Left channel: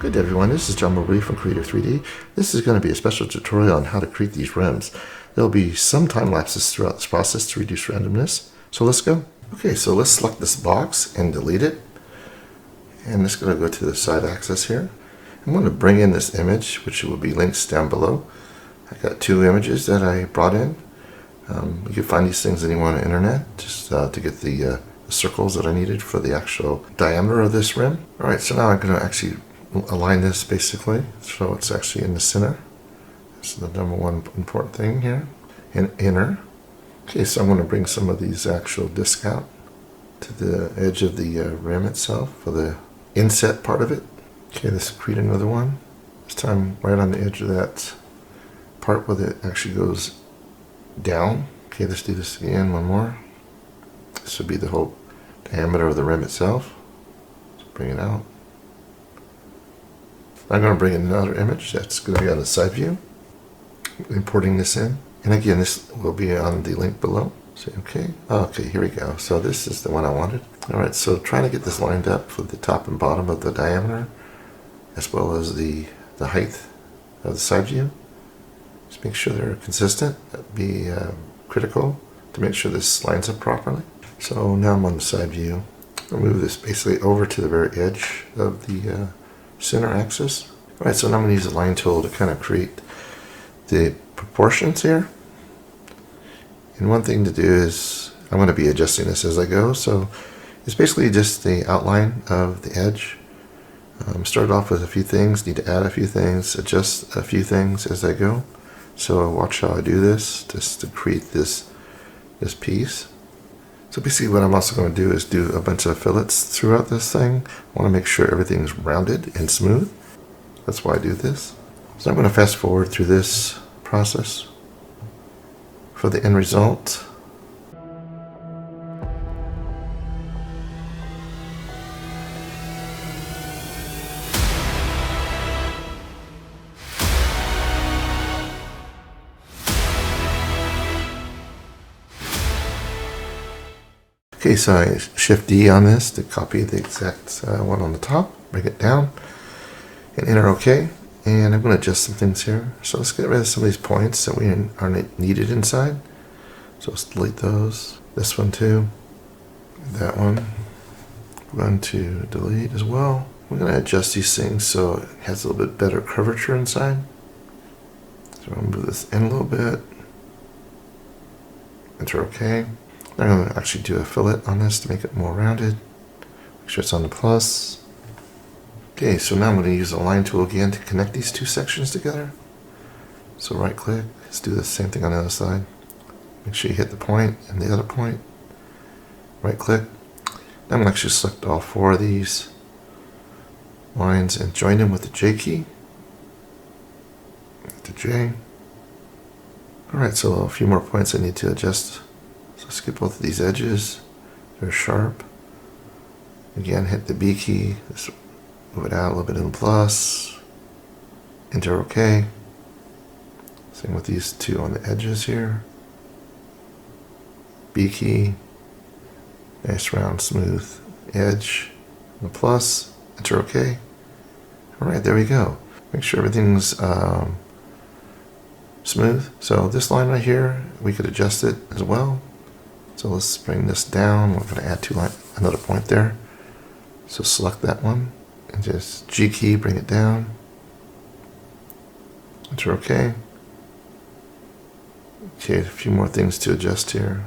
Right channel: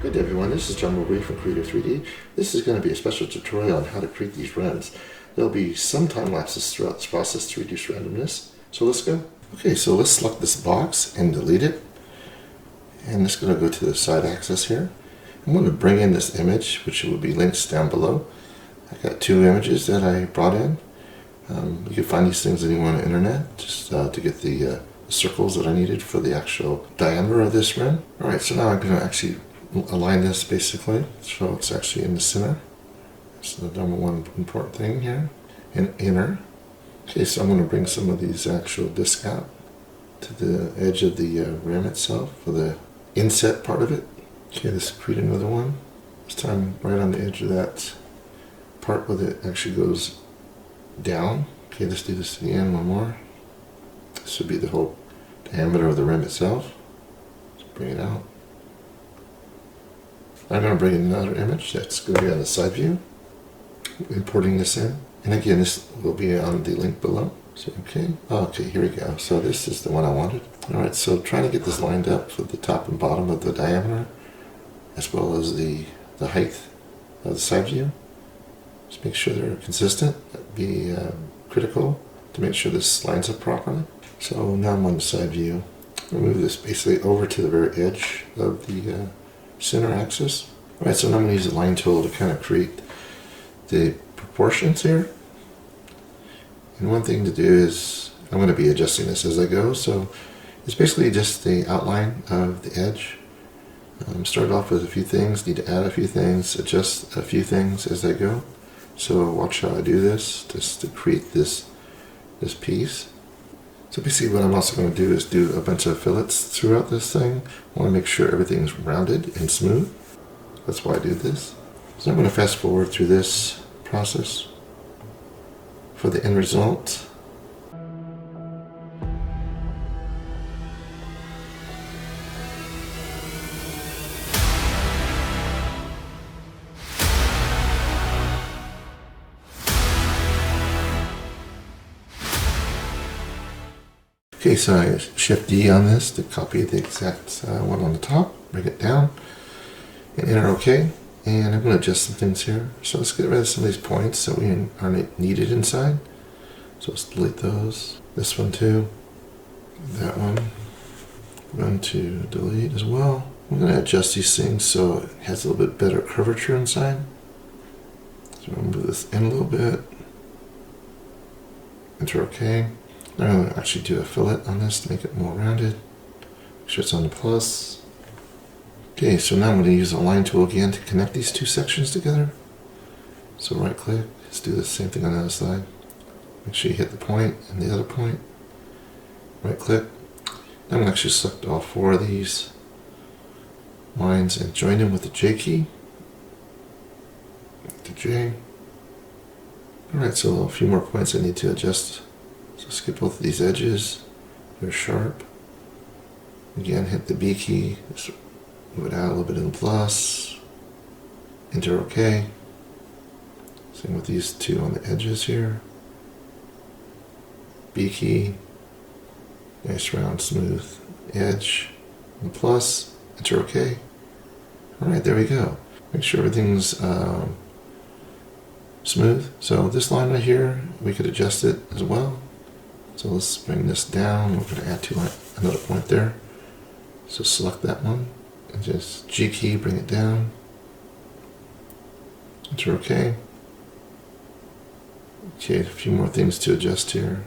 Good day everyone, this is John Marie from Creator 3D. This is going to be a special tutorial on how to create these rims. There will be some time lapses throughout this process to reduce randomness. So let's go. Okay, so let's select this box and delete it. And it's going to go to the side axis here. I'm going to bring in this image, which will be links down below. I got two images that I brought in. You can find these things anywhere on the internet just to get the circles that I needed for the actual diameter of this rim. Alright, so now I'm going to actually align this basically so it's actually in the center. That's the number one important thing here. And inner. Okay, so I'm going to bring some of these actual discs out to the edge of the rim itself for the inset part of it. Okay, let's create another one. This time right on the edge of that part where it actually goes down. Okay, let's do this again, one more. This would be the whole diameter of the rim itself. Let's bring it out. I'm going to bring in another image that's going to be on the side view. Importing this in. And again, this will be on the link below. So, okay. Okay, here we go. So this is the one I wanted. Alright, so trying to get this lined up for the top and bottom of the diameter, as well as the height of the side view. Just make sure they're consistent. That'd be critical to make sure this lines up properly. So now I'm on the side view. I'll move this basically over to the very edge of the center axis. Alright, so now I'm going to use the line tool to kind of create the proportions here. And one thing to do is I'm going to be adjusting this as I go. So it's basically just the outline of the edge. Start off with a few things, need to add a few things, adjust a few things as I go. So watch how I do this, just to create this piece. So basically what I'm also going to do is do a bunch of fillets throughout this thing. I want to make sure everything's rounded and smooth. That's why I do this. So I'm going to fast forward through this process for the end result. Okay, so I shift D on this to copy the exact one on the top, bring it down, and enter OK. And I'm going to adjust some things here. So let's get rid of some of these points that we aren't needed inside. So let's delete those. This one too. That one. I'm going to delete as well. We're going to adjust these things so it has a little bit better curvature inside. So I'm going to move this in a little bit. Enter OK. I'm going to actually do a fillet on this to make it more rounded. Make sure it's on the plus. Okay, so now I'm going to use the line tool again to connect these two sections together. So right click, let's do the same thing on the other side. Make sure you hit the point and the other point. Right click. Now I'm going to actually select all four of these lines and join them with the J key. The J. Alright, so a few more points I need to adjust. So skip both of these edges. They're sharp. Again, hit the B key. Just move it out a little bit in the plus. Enter OK. Same with these two on the edges here. B key. Nice round smooth edge. And plus. Enter OK. Alright, there we go. Make sure everything's smooth. So this line right here, we could adjust it as well. So let's bring this down. We're going to add another point there. So select that one and just G key, bring it down. Enter OK. Okay, a few more things to adjust here.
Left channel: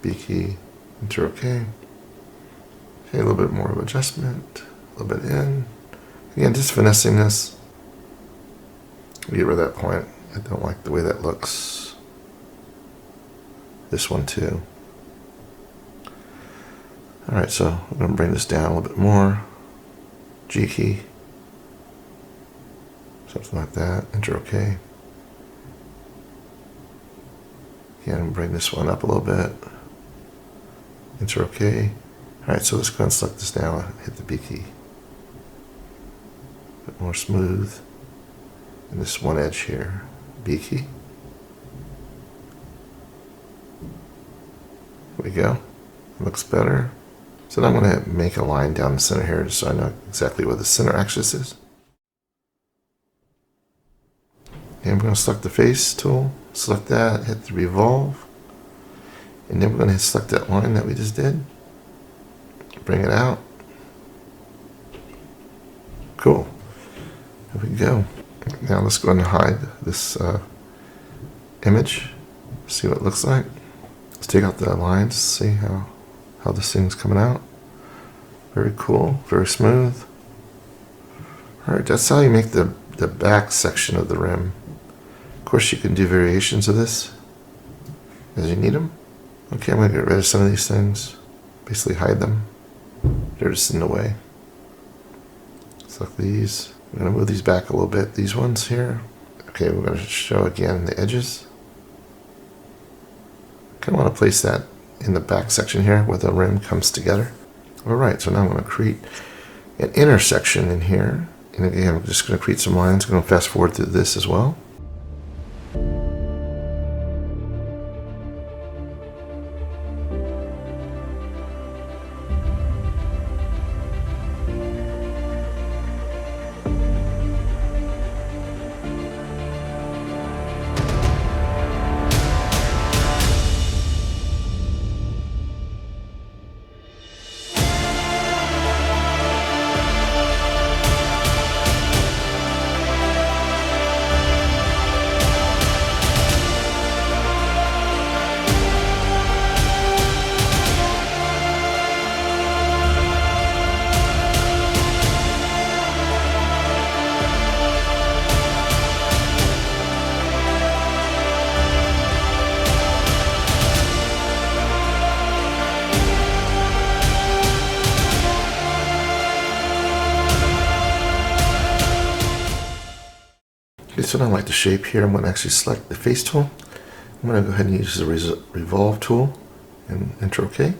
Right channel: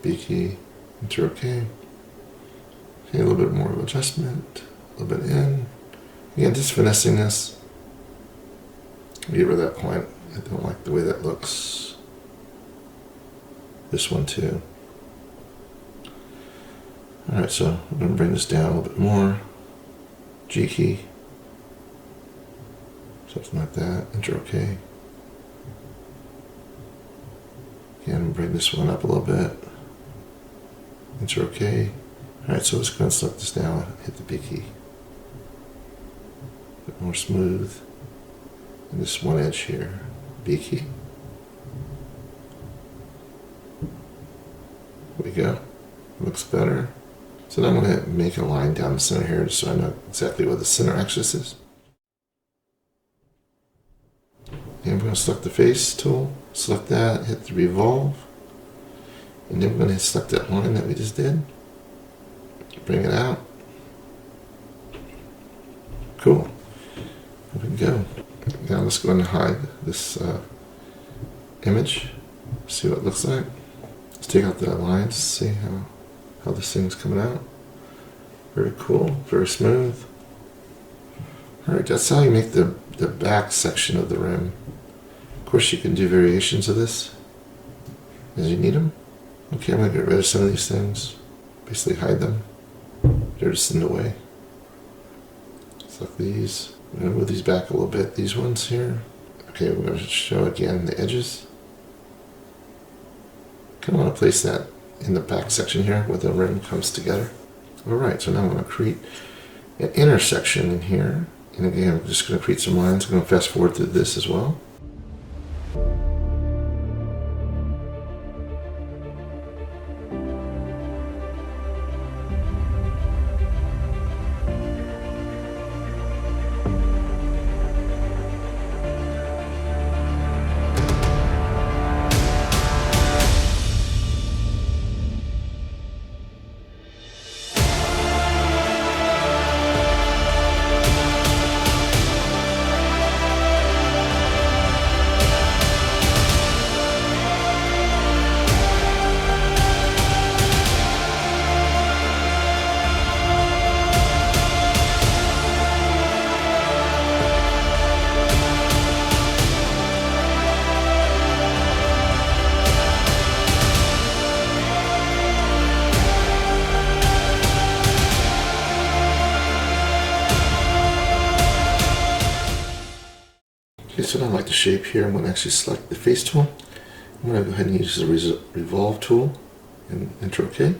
B key, enter OK. Okay, a little bit more of adjustment, a little bit in. Again, just finessing this. Get rid of that point. I don't like the way that looks. This one too. Alright, so I'm going to bring this down a little bit more. G key. Something like that. Enter OK. Again, bring this one up a little bit. Enter OK. Alright, so let's go and select this down and hit the B key. A bit more smooth. And this one edge here. B key. There we go. Looks better. So now I'm going to make a line down the center here so I know exactly where the center axis is. I'm going to select the face tool, select that, hit the revolve, and then we're going to select that line that we just did, bring it out. Cool. There we go. Now let's go ahead and hide this image, see what it looks like. Let's take out the lines, see how this thing's coming out. Very cool, very smooth. Alright, that's how you make the back section of the rim. Of course you can do variations of this as you need them. Okay, I'm going to get rid of some of these things, basically hide them. They're just in the way. Select these. I'm going to move these back a little bit, these ones here. Okay, we're going to show again the edges. I kind of want to place that in the back section here where the rim comes together. Alright, so now I'm going to create an intersection in here. And again, I'm just going to create some lines. I'm going to fast forward through this as well. Okay, so now I like the shape here. I'm going to actually select the face tool. I'm going to go ahead and use the revolve tool and enter OK.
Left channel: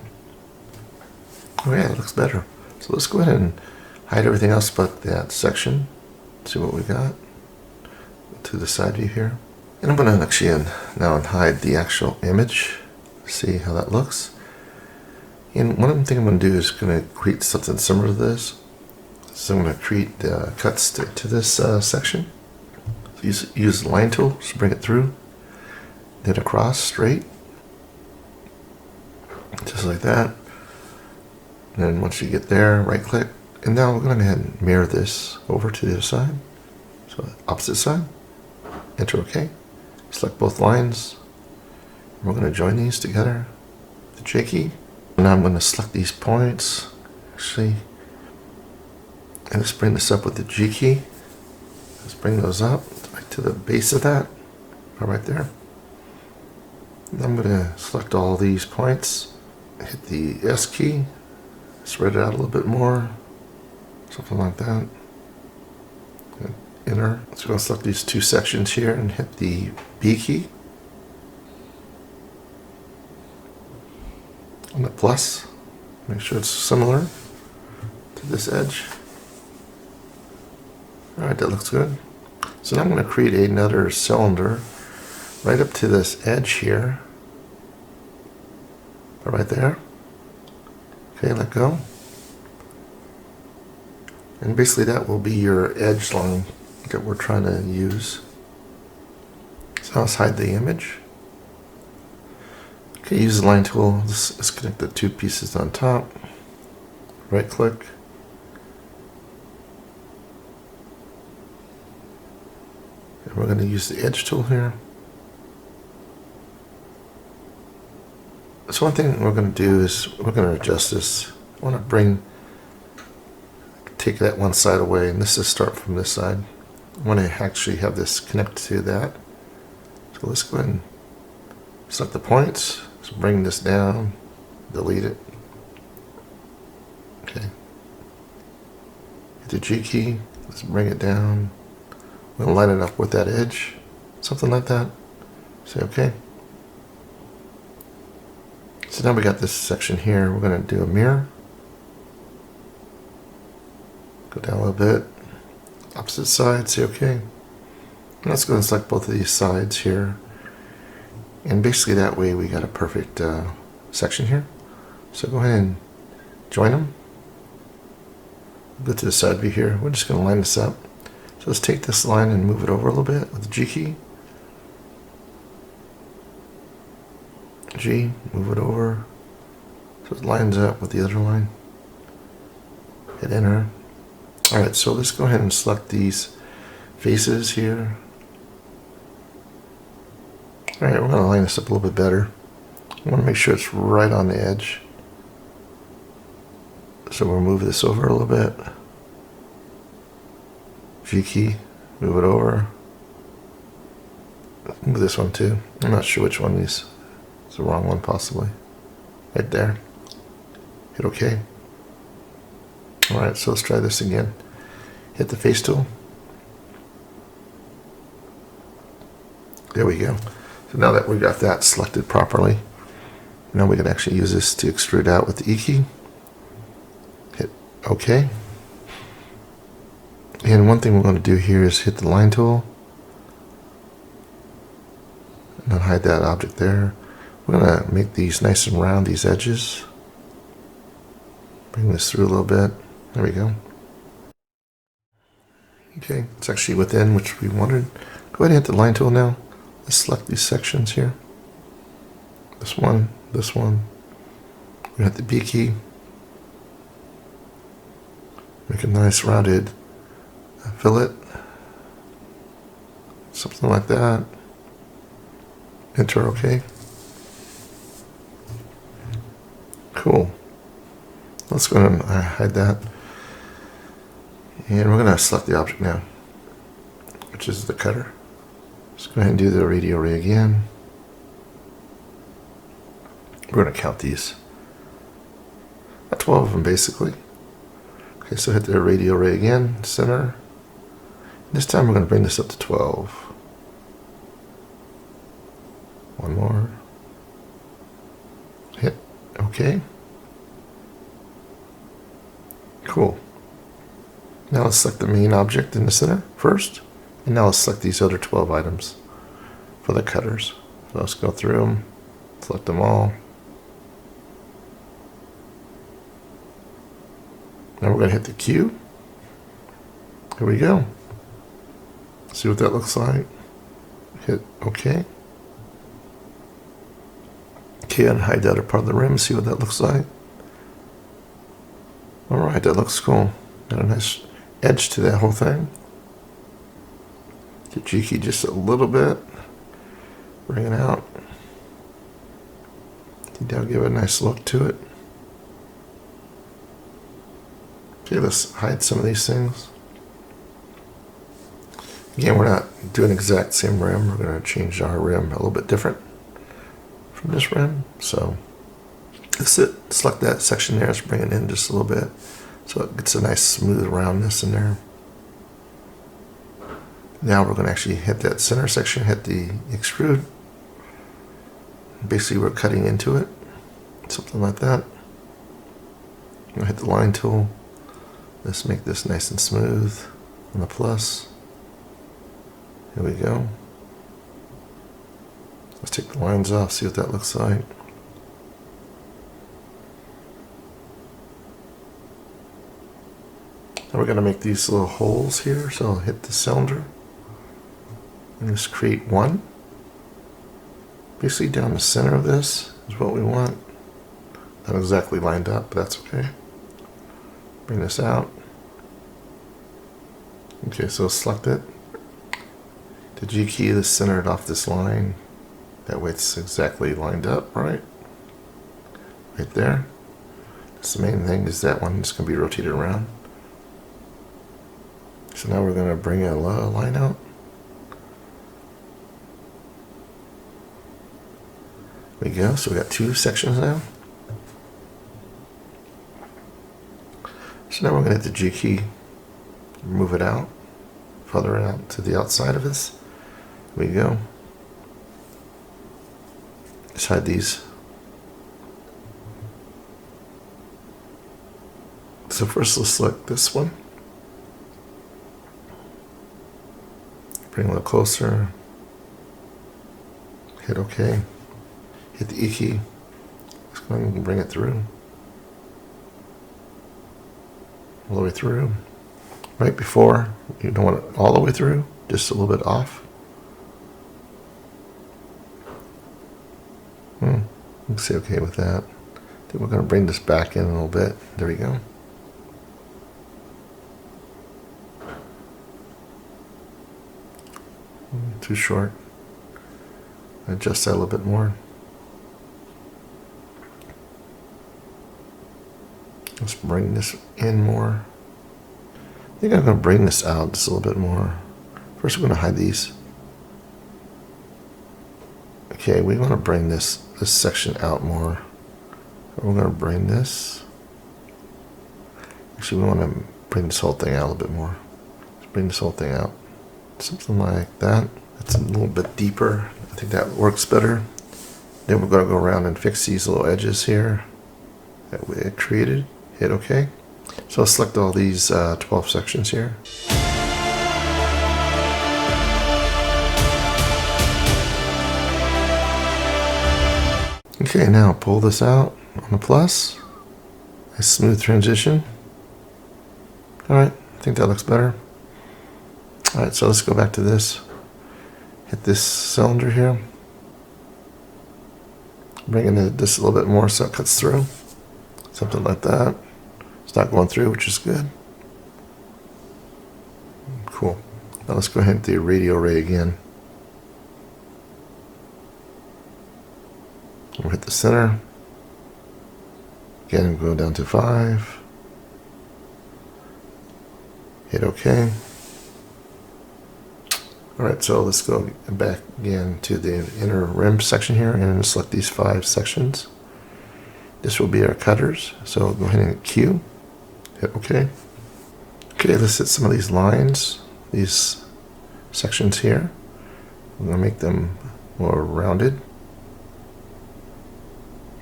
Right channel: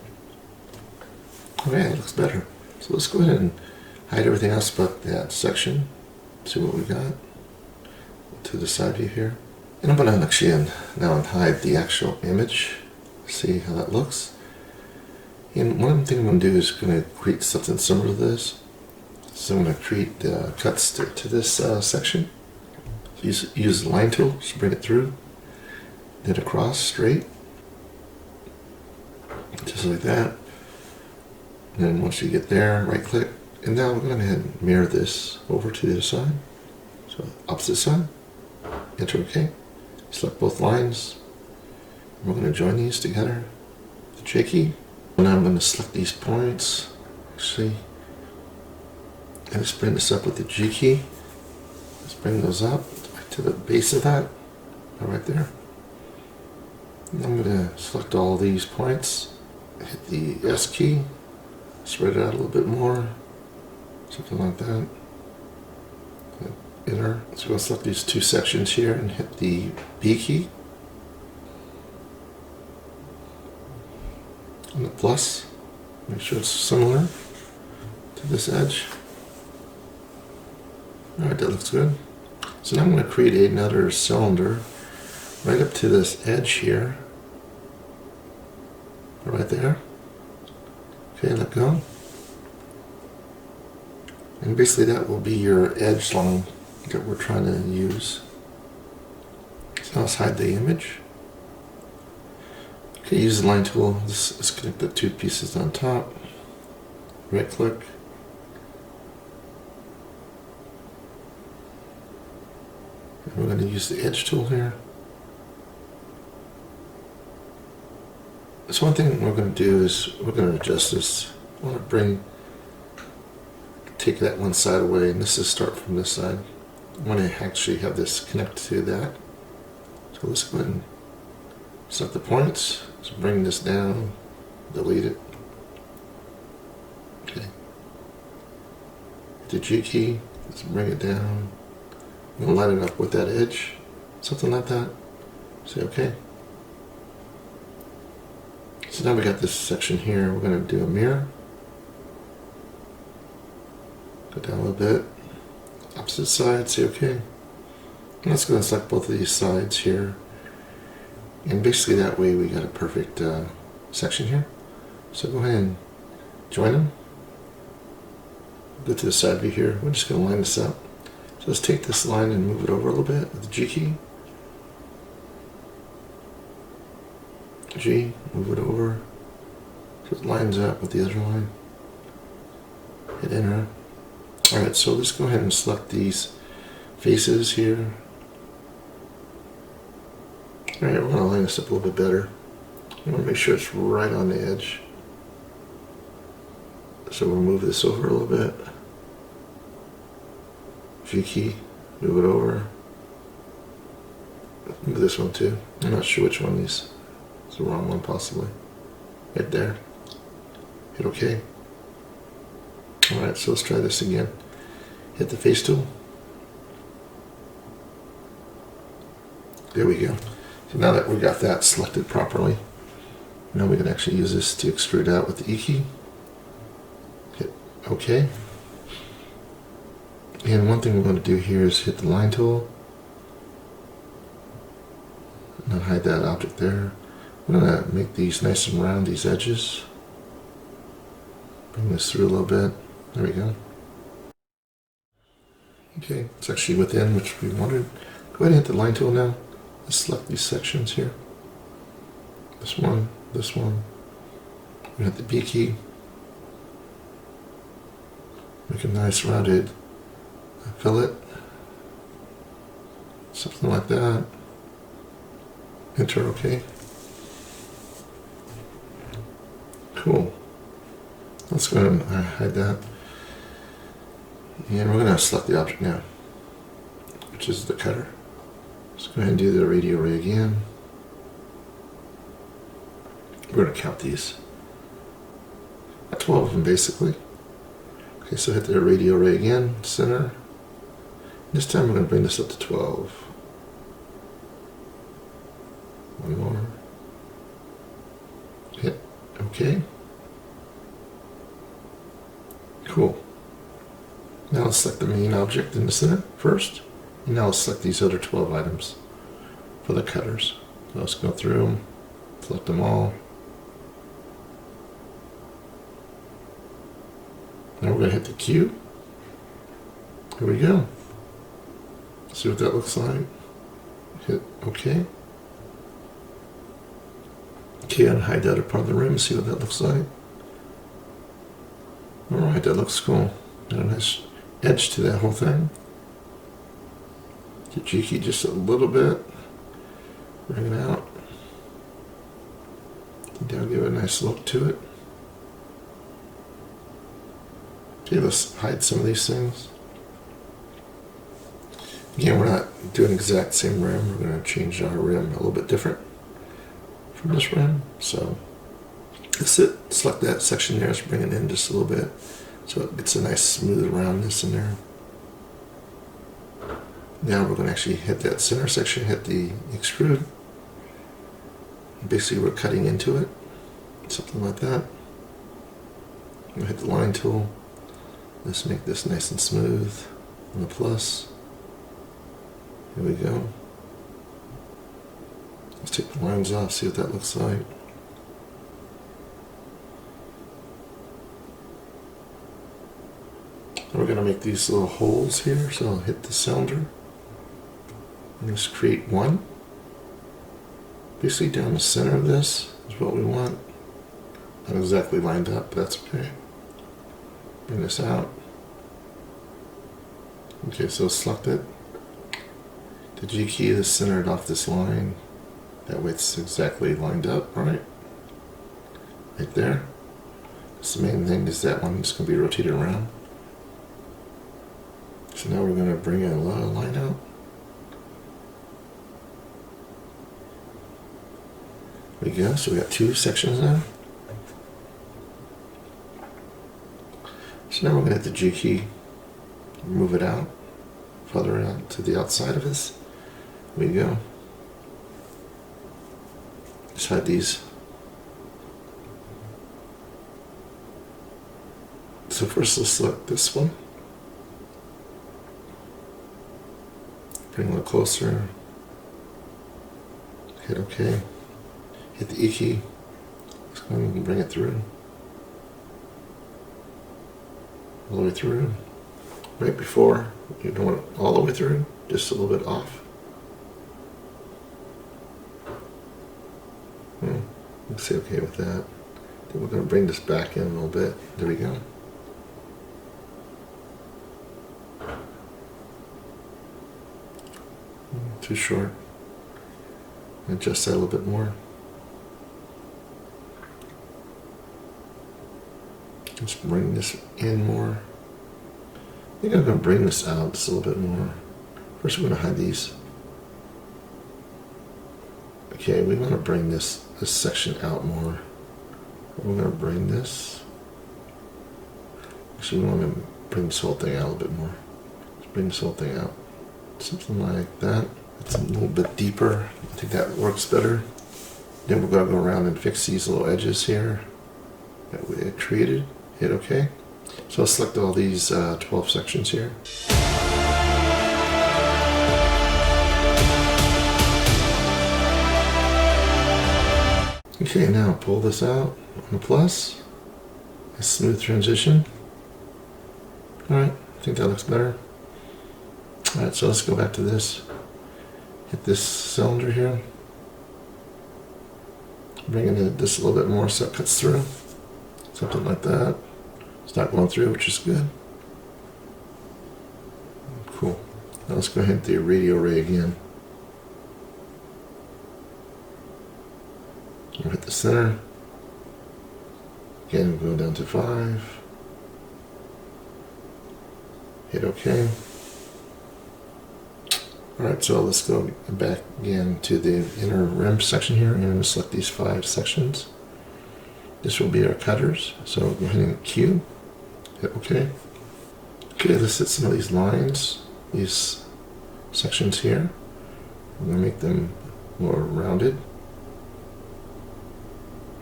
Oh yeah, it looks better. So let's go ahead and hide everything else but that section. See what we got to the side view here. And I'm going to actually now hide the actual image. See how that looks. And one thing I'm going to do is going to create something similar to this. So I'm going to create cuts to this section. Use the line tool to bring it through, then across straight, just like that. And then once you get there, right click, and now we're going to go ahead and mirror this over to the other side. So opposite side, enter OK. Select both lines. We're going to join these together, the J key. Now I'm going to select these points, actually, and let's bring this up with the G key. Let's bring those up to the base of that, right there. And I'm going to select all these points, hit the S key, spread it out a little bit more, something like that. Enter. So I'm going to select these two sections here and hit the B key. And the plus, make sure it's similar to this edge. Alright, that looks good. So now I'm going to create another cylinder right up to this edge here. Right there. Okay, let go. And basically that will be your edge line that we're trying to use. So let's hide the image. Okay, use the line tool. Let's connect the two pieces on top. Right click. We're going to use the edge tool here. So one thing we're going to do is we're going to adjust this. I want to take that one side away, and this is start from this side. I want to actually have this connect to that. So let's go ahead and select the points. Let's bring this down, delete it. Okay. Hit the G key. Let's bring it down. We'll line it up with that edge, something like that. Say OK. So now we got this section here. We're going to do a mirror. Go down a little bit. Opposite side, say OK. And let's go and select both of these sides here. And basically that way we got a perfect section here. So go ahead and join them. Go to the side view here. We're just going to line this up. So let's take this line and move it over a little bit with the G key. G, move it over so it lines up with the other line. Hit enter. Alright, so let's go ahead and select these faces here. Alright, we're going to line this up a little bit better. I want to make sure it's right on the edge. So we'll move this over a little bit. V key, move it over. Move this one too. I'm not sure which one is. It's the wrong one possibly. Right there. Hit OK. Alright, so let's try this again. Hit the face tool. There we go. So now that we got that selected properly, now we can actually use this to extrude out with the E key. Hit OK. And one thing we're going to do here is hit the line tool. And hide that object there. We're going to make these nice and round, these edges. Bring this through a little bit. There we go. Okay, it's actually within which we wanted. Go ahead and hit the line tool now. Let's select these sections here. This one, this one. We're going to hit the B key. Make a nice rounded fillet. Something like that. Enter OK. Cool. Let's go ahead and hide that. And we're going to select the object now, which is the cutter. Let's go ahead and do the radio ray again. We're going to count these. About 12 of them basically. Okay, so hit the radio ray again, center. This time we're going to bring this up to 12. One more. Hit OK. Cool. Now let's select the main object in the center first. And now let's select these other 12 items for the cutters. So let's go through them, select them all. Now we're going to hit the Q. Here we go. See what that looks like. Hit OK. Okay, and hide the other part of the rim, see what that looks like. Alright, that looks cool. Got a nice edge to that whole thing. The G key just a little bit. Bring it out. That'll give it a nice look to it. Okay, let's hide some of these things. Again, we're not doing exact same rim. We're going to change our rim a little bit different from this rim. So let's select that section there. Let's bring it in just a little bit so it gets a nice smooth roundness in there. Now we're going to actually hit that center section, hit the extrude. Basically we're cutting into it, something like that. I'm going to hit the line tool. Let's make this nice and smooth on the plus. Here we go. Let's take the lines off, see what that looks like. Now we're going to make these little holes here, so I'll hit the cylinder and just create one. Basically down the center of this is what we want. Not exactly lined up, but that's okay. Bring this out. Okay, so select it. The G key is centered off this line. That way it's exactly lined up, right? Right there. That's the main thing, is that one is going to be rotated around. So now we're going to bring a line out. There we go, so we got two sections now. So now we're going to hit the G key, move it out, further out to the outside of this. There we go. Let's hide these. So first let's select this one. Bring it a little closer. Hit OK. Hit the E key. Let's go ahead and bring it through. All the way through. Right before, you don't want it all the way through, just a little bit off. Let's say okay with that. Then we're going to bring this back in a little bit. There we go. Too short. Adjust that a little bit more. Let's bring this in more. I think I'm going to bring this out just a little bit more. First, we're going to hide these. Okay, we want to bring this section out more. We're going to bring this. Actually, we want to bring this whole thing out a little bit more. Let's bring this whole thing out. Something like that. It's a little bit deeper. I think that works better. Then we're going to go around and fix these little edges here that we had created. Hit OK. So I'll select all these 12 sections here. Okay, now pull this out on the plus. A smooth transition. Alright, I think that looks better. Alright, so let's go back to this. Hit this cylinder here. Bring in this a little bit more so it cuts through. Something like that. It's not going through, which is good. Cool. Now let's go ahead and do radio array again. We'll hit the center. Again, go down to 5. Hit OK. Alright, so let's go back again to the inner rim section here and select these 5 sections. This will be our cutters, so go ahead and Q. Hit OK. Okay, let's hit some of these lines, these sections here. I'm going to make them more rounded,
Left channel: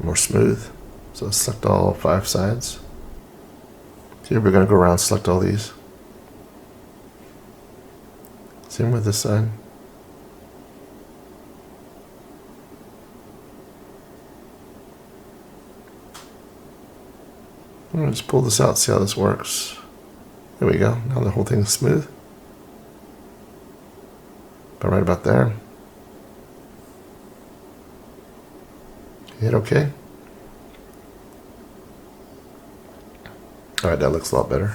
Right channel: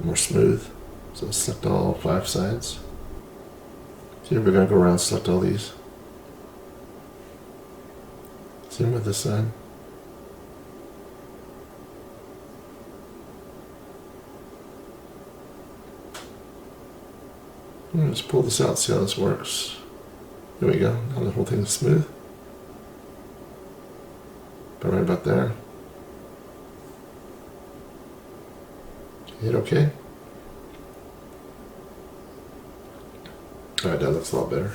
more smooth. So select all 5 sides. Here we're going to go around and select all these. Same with this side. Let's pull this out, see how this works. There we go. Now the whole thing is smooth. But right about there. Hit OK. Alright, that looks a lot better.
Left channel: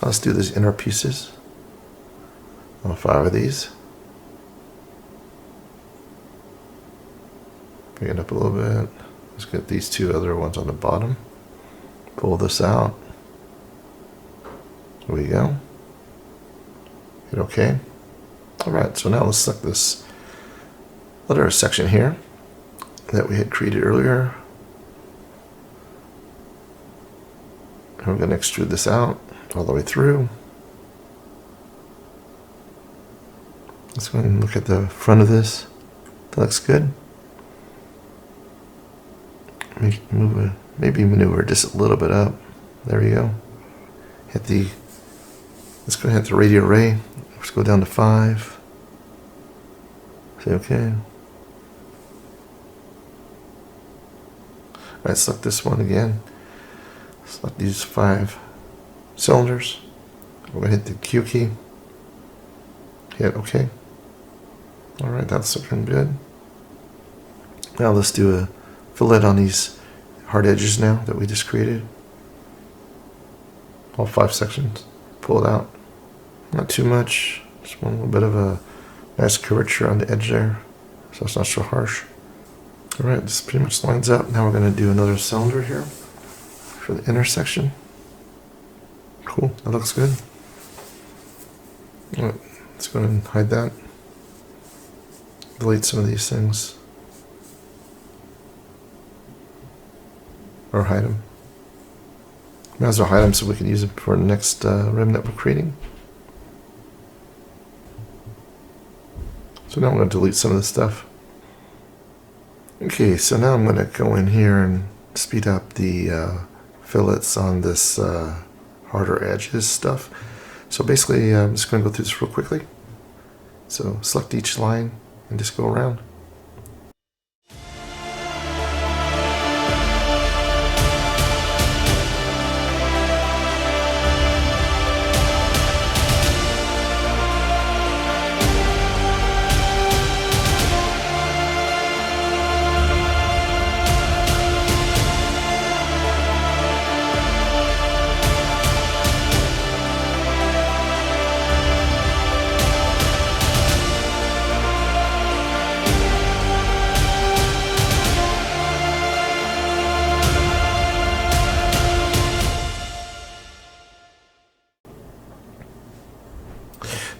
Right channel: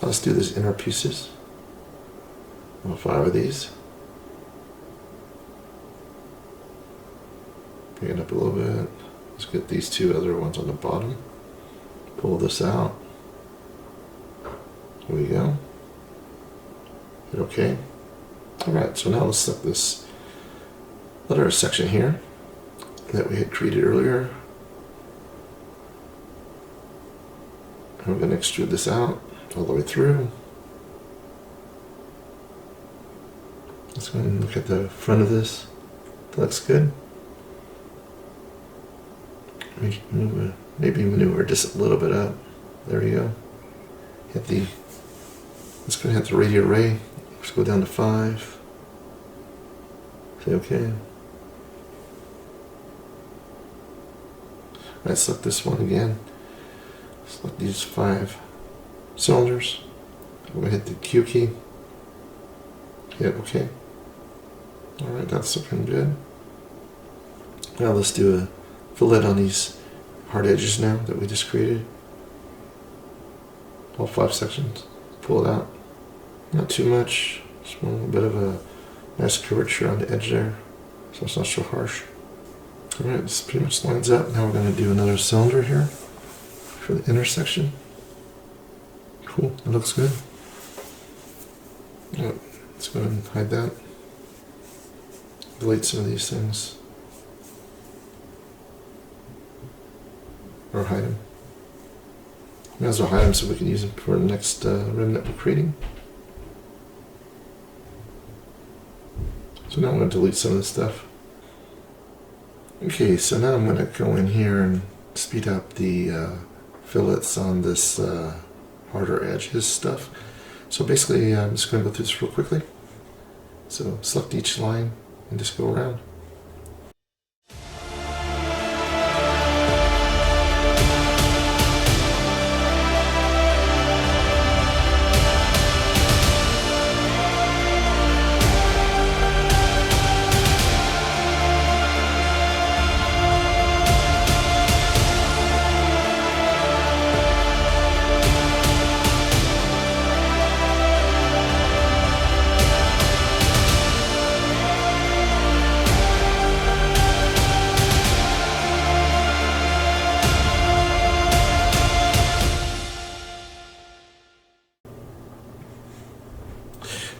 Now let's do these inner pieces. I'll 5 of these. Bring it up a little bit. Let's get these 2 other ones on the bottom. Pull this out. There we go. Hit OK. Alright, so now let's select this other section here that we had created earlier. And we're going to extrude this out all the way through. Let's go ahead and look at the front of this. That looks good. Maybe maneuver just a little bit up. There we go. Let's go ahead and hit the radio array. Let's go down to 5. Say OK. Alright, select this one again. Select these 5 cylinders. We're going to hit the Q key. Hit OK. Alright, that's looking good. Now let's do a fillet on these hard edges now that we just created. All 5 sections. Pull it out. Not too much. Just want a little bit of a nice curvature on the edge there, so it's not so harsh. Alright, this pretty much lines up. Now we're going to do another cylinder here for the intersection. Cool, that looks good. Alright, let's go ahead and hide that. Delete some of these things. Or hide them. Might as well hide them so we can use them for the next rim that we're creating. So now I'm going to delete some of this stuff. Okay, so now I'm going to go in here and speed up the fillets on this harder edges stuff. So basically, I'm just going to go through this real quickly. So select each line and just go around.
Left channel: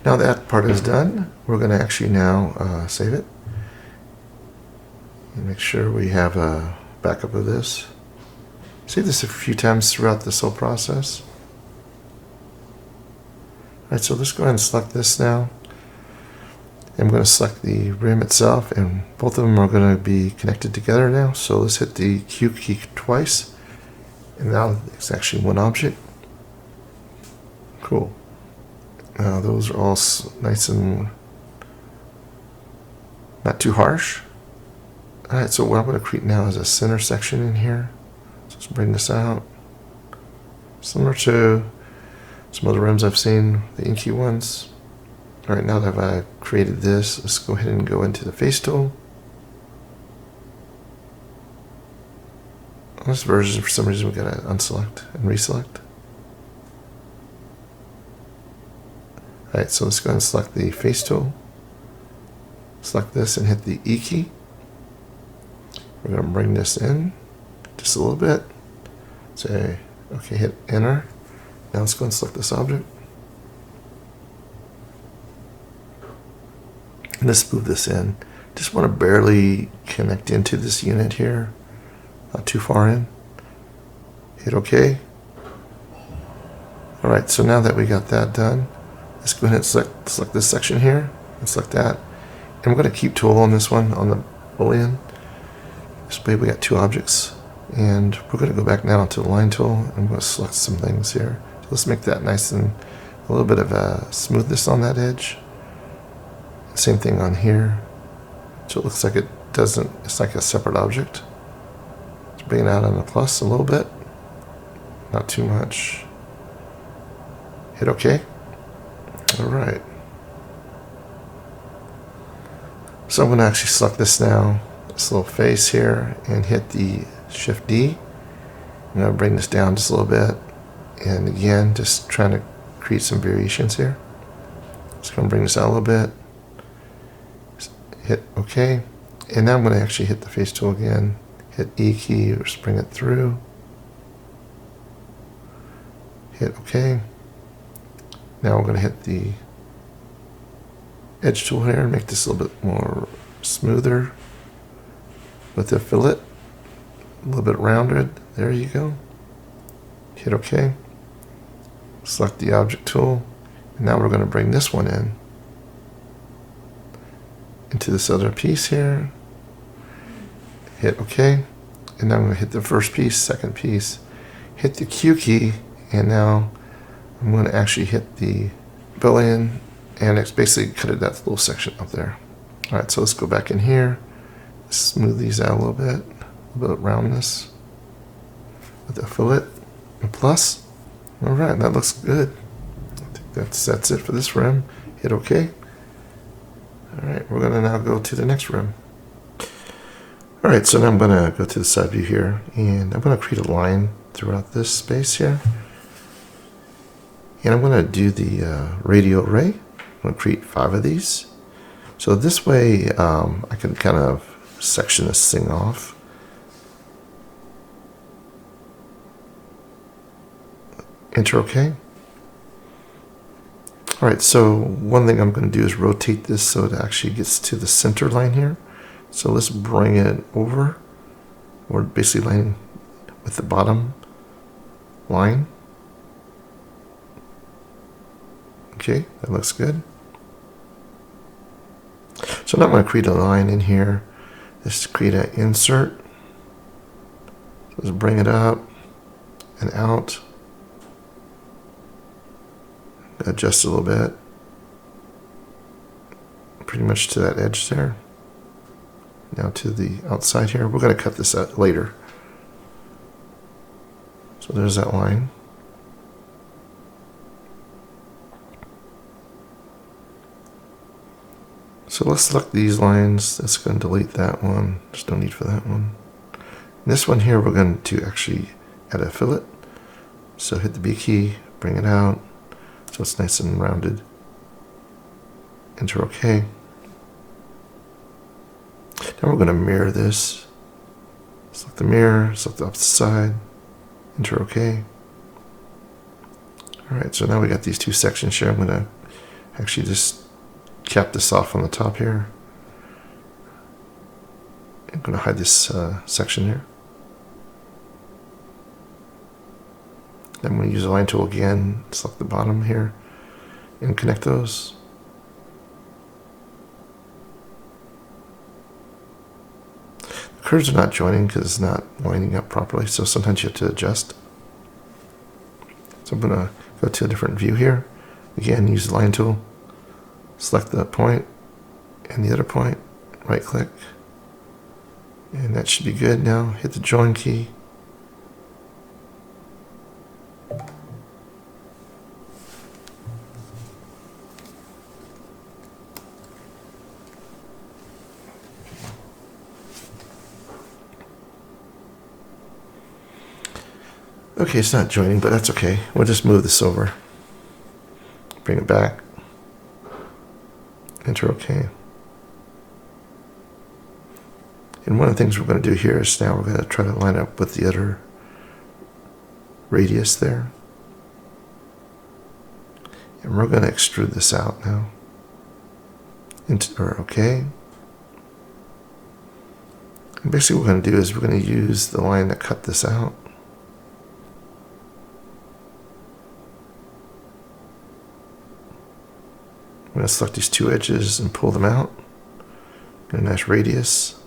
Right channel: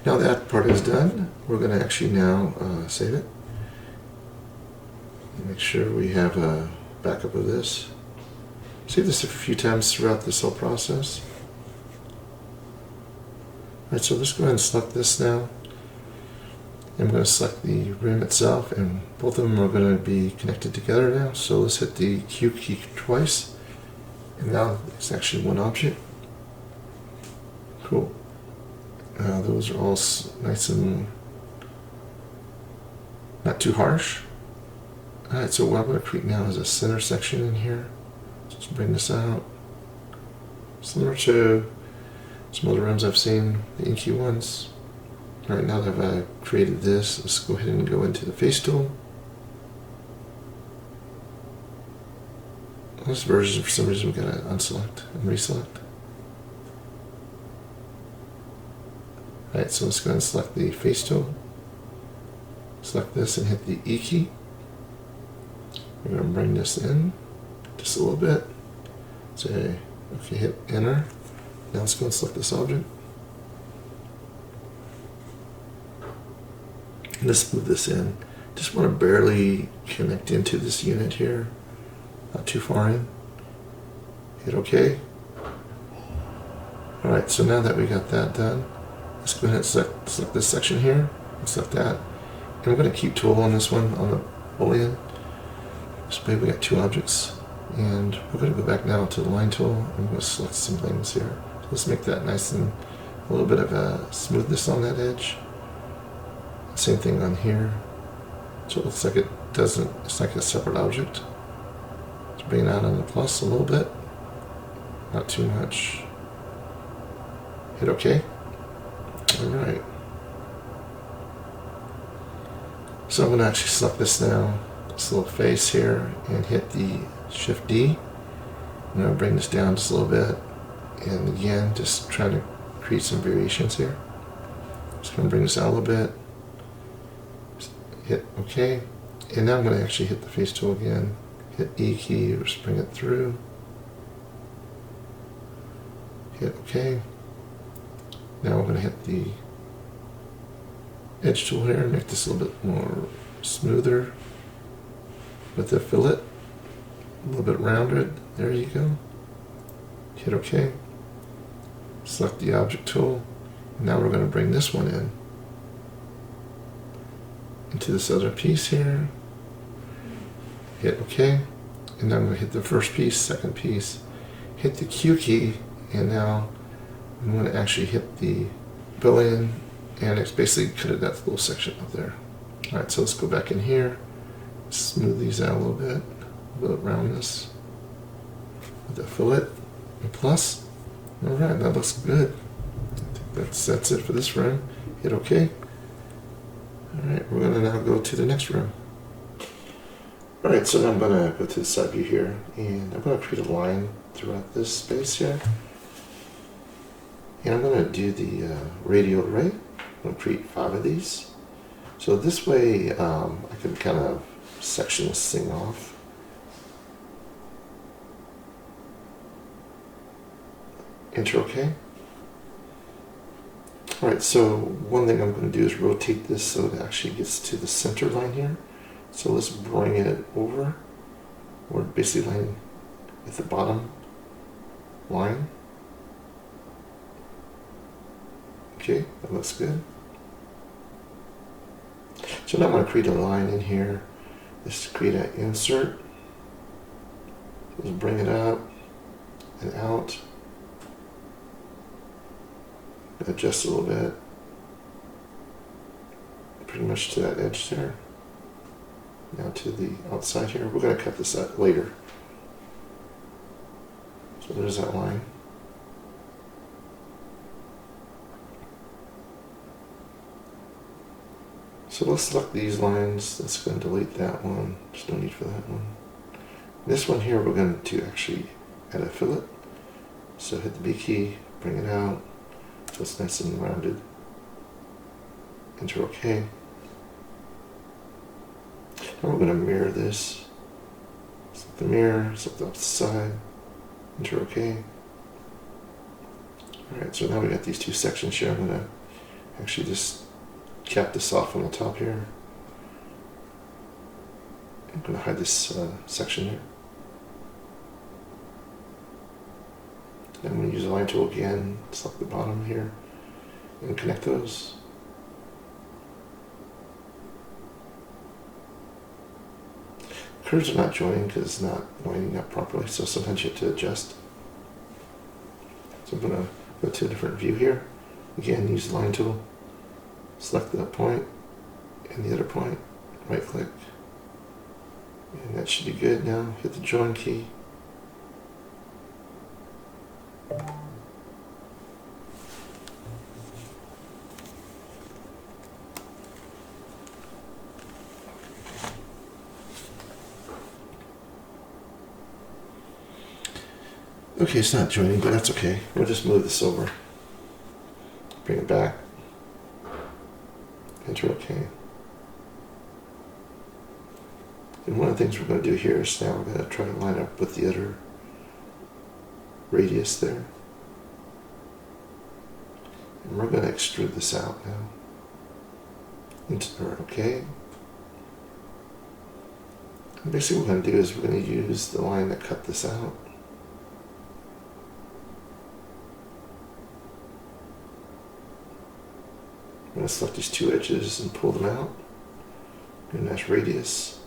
Now that part is done, we're going to actually now save it. And make sure we have a backup of this. Save this a few times throughout this whole process. Alright, so let's go ahead and select this now. I'm going to select the rim itself, and both of them are going to be connected together now. So let's hit the Q key twice, and now it's actually one object. Cool. Those are all nice and not too harsh. Alright, so what I'm going to create now is a center section in here. So let's bring this out. Similar to some other rims I've seen, the inky ones. Alright, now that I've created this, let's go ahead and go into the face tool. On this version, for some reason, we've got to unselect and reselect. Alright, so let's go ahead and select the face tool. Select this and hit the E key. We're going to bring this in just a little bit. Say, okay, hit enter. Now let's go and select this object. And let's move this in. Just want to barely connect into this unit here. Not too far in. Hit OK. Alright, so now that we got that done, let's go ahead and select this section here. And select that. And we're going to keep tool on this one, on the boolean. This way we got two objects. And we're going to go back now to the line tool. I'm going to select some things here. So let's make that nice and a little bit of a smoothness on that edge. Same thing on here. So it looks like it doesn't, it's like a separate object. Let's bring it out on the plus a little bit. Not too much. Hit OK. Alright. So I'm going to actually select this now, this little face here, and hit the Shift D. I'm going to bring this down just a little bit. And again, just trying to create some variations here. Just going to bring this out a little bit. Hit OK. And now I'm going to actually hit the face tool again. Hit E key or bring it through. Hit OK. Now we're going to hit the edge tool here and make this a little bit more smoother with the fillet. A little bit rounded. There you go. Hit OK. Select the object tool. And now we're going to bring this one in. Into this other piece here. Hit OK. And now I'm going to hit the first piece, second piece. Hit the Q key. And now I'm going to actually hit the boolean. And it's basically cut that little section up there. Alright, so let's go back in here. Smooth these out a little bit of roundness. With the fillet. A plus. Alright, that looks good. I think that's it for this rim. Hit OK. Alright, we're going to now go to the next rim. Alright, so now I'm going to go to the side view here, and I'm going to create a line throughout this space here. And I'm going to do the radial array. I'm going to create 5 of these. So this way I can kind of section this thing off. Enter OK. Alright, so one thing I'm going to do is rotate this so it actually gets to the center line here. So let's bring it over, or basically line with the bottom line. Okay, that looks good. So now I'm going to create a line in here. Let's create an insert. So let's bring it up and out. Adjust a little bit. Pretty much to that edge there. Now to the outside here. We're going to cut this out later. So there's that line. So let's select these lines. Let's go and delete that one. There's no need for that one. And this one here, we're going to actually add a fillet. So hit the B key, bring it out, so it's nice and rounded. Enter OK. Now we're going to mirror this. Select the mirror, select the opposite side, enter OK. Alright, so now we got these two sections here. I'm going to Actually just cap this off on the top here. I'm going to hide this section here. I'm going to use the line tool again, select the bottom here, and connect those. Curves are not joining because it's not lining up properly, so sometimes you have to adjust. So I'm going to go to a different view here. Again, use the line tool, select the point and the other point, right click, and that should be good now. Hit the join key. Okay, it's not joining, but that's okay. We'll just move this over. Bring it back. Enter OK. And one of the things we're going to do here is now we're going to try to line up with the other radius there. And we're going to extrude this out now. OK. And basically what we're going to do is we're going to use the line that cut this out. I'm going to select these two edges and pull them out. Get a nice radius.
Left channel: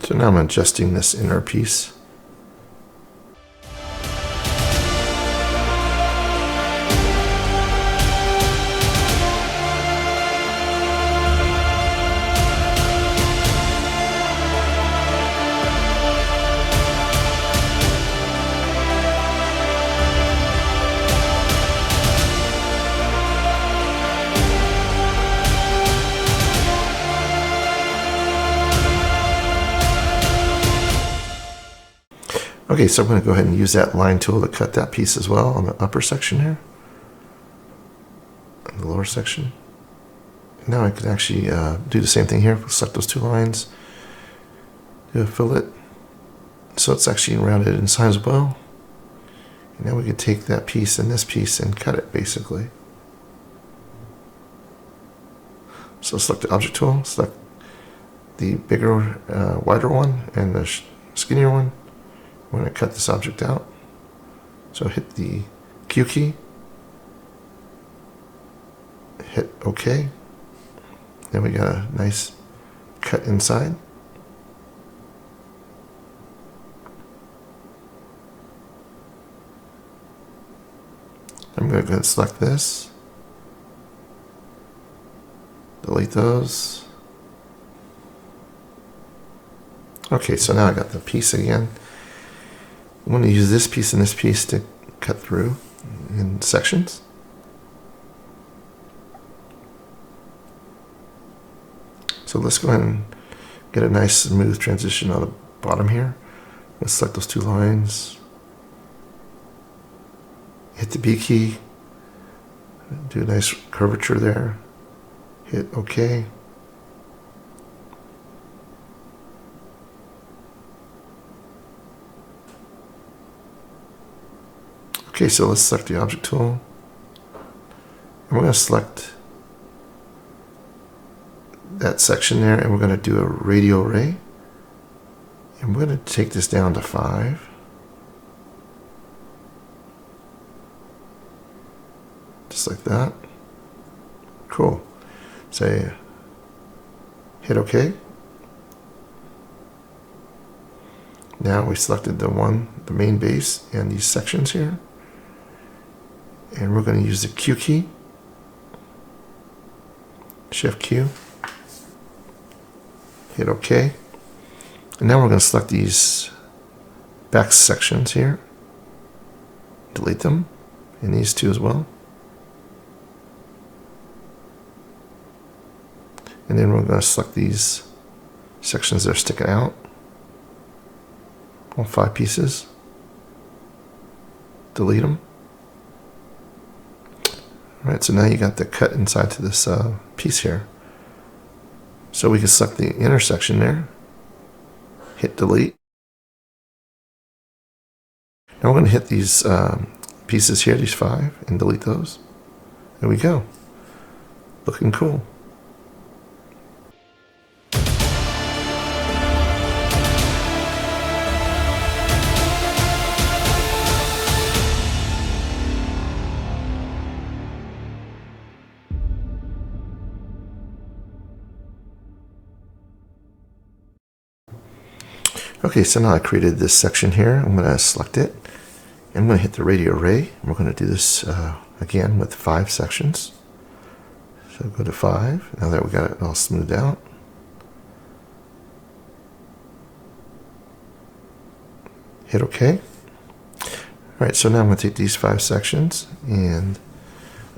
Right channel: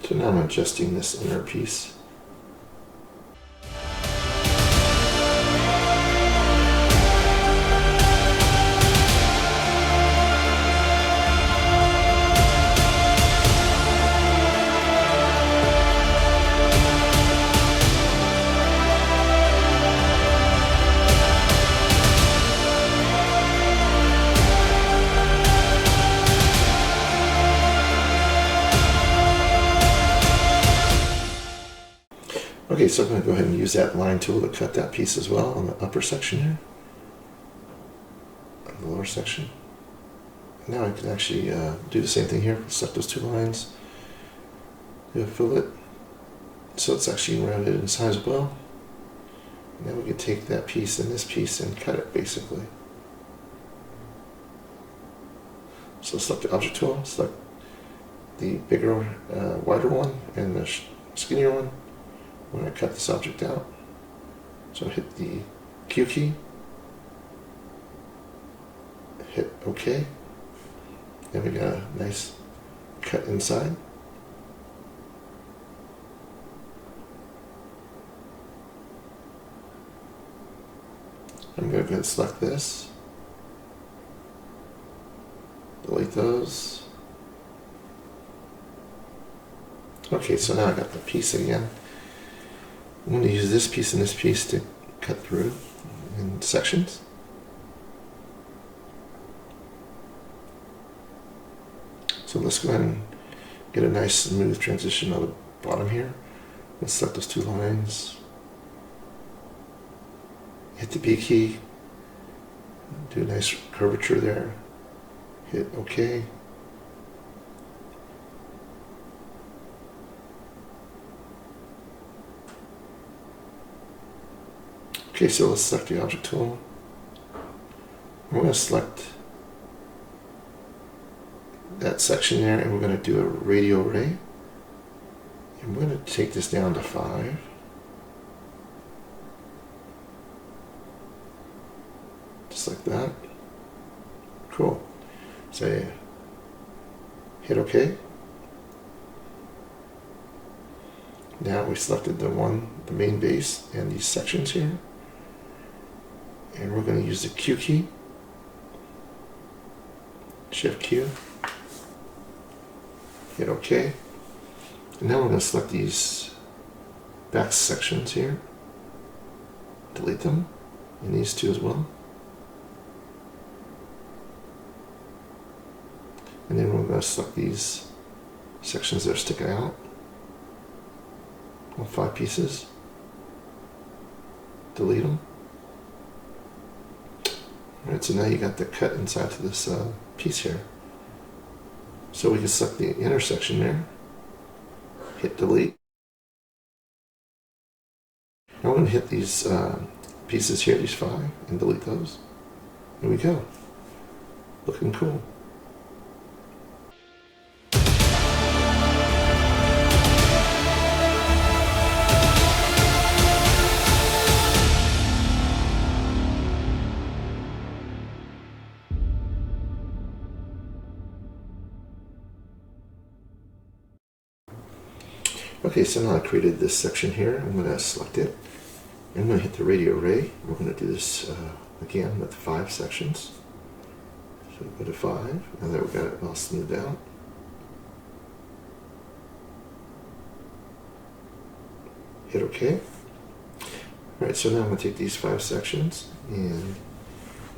So now I'm adjusting this inner piece. Okay, so I'm going to go ahead and use that line tool to cut that piece as well on the upper section here, and the lower section. Now I can actually do the same thing here. Select those two lines, do a fillet, so it's actually rounded inside as well. And now we can take that piece and this piece and cut it basically. So select the object tool, select the bigger, wider one and the skinnier one. I'm going to cut this object out. So hit the Q key, hit OK. Then we got a nice cut inside. I'm going to go ahead and select this, delete those. Okay, so now I got the piece again. I'm going to use this piece and this piece to cut through in sections. So let's go ahead and get a nice smooth transition on the bottom here. Let's select those two lines. Hit the B key. Do a nice curvature there. Hit OK. Okay, so let's select the object tool. I'm going to select that section there, and we're going to do a radial ray. And we're going to take this down to 5. Just like that. Cool. Say, hit OK. Now we selected the main base and these sections here. And we're going to use the Q key, Shift Q, hit OK. And now we're going to select these back sections here, delete them, and these two as well. And then we're going to select these sections that are sticking out, all 5 pieces, delete them. Alright, so now you got the cut inside to this piece here. So we can select the intersection there, hit delete. Now we're going to hit these pieces here, these 5, and delete those. There we go. Looking cool. Okay, so now I created this section here. I'm going to select it. I'm going to hit the radio array. We're going to do this again with 5 sections. So go to 5. Now that we got it all smoothed out. Hit OK. Alright, so now I'm going to take these 5 sections and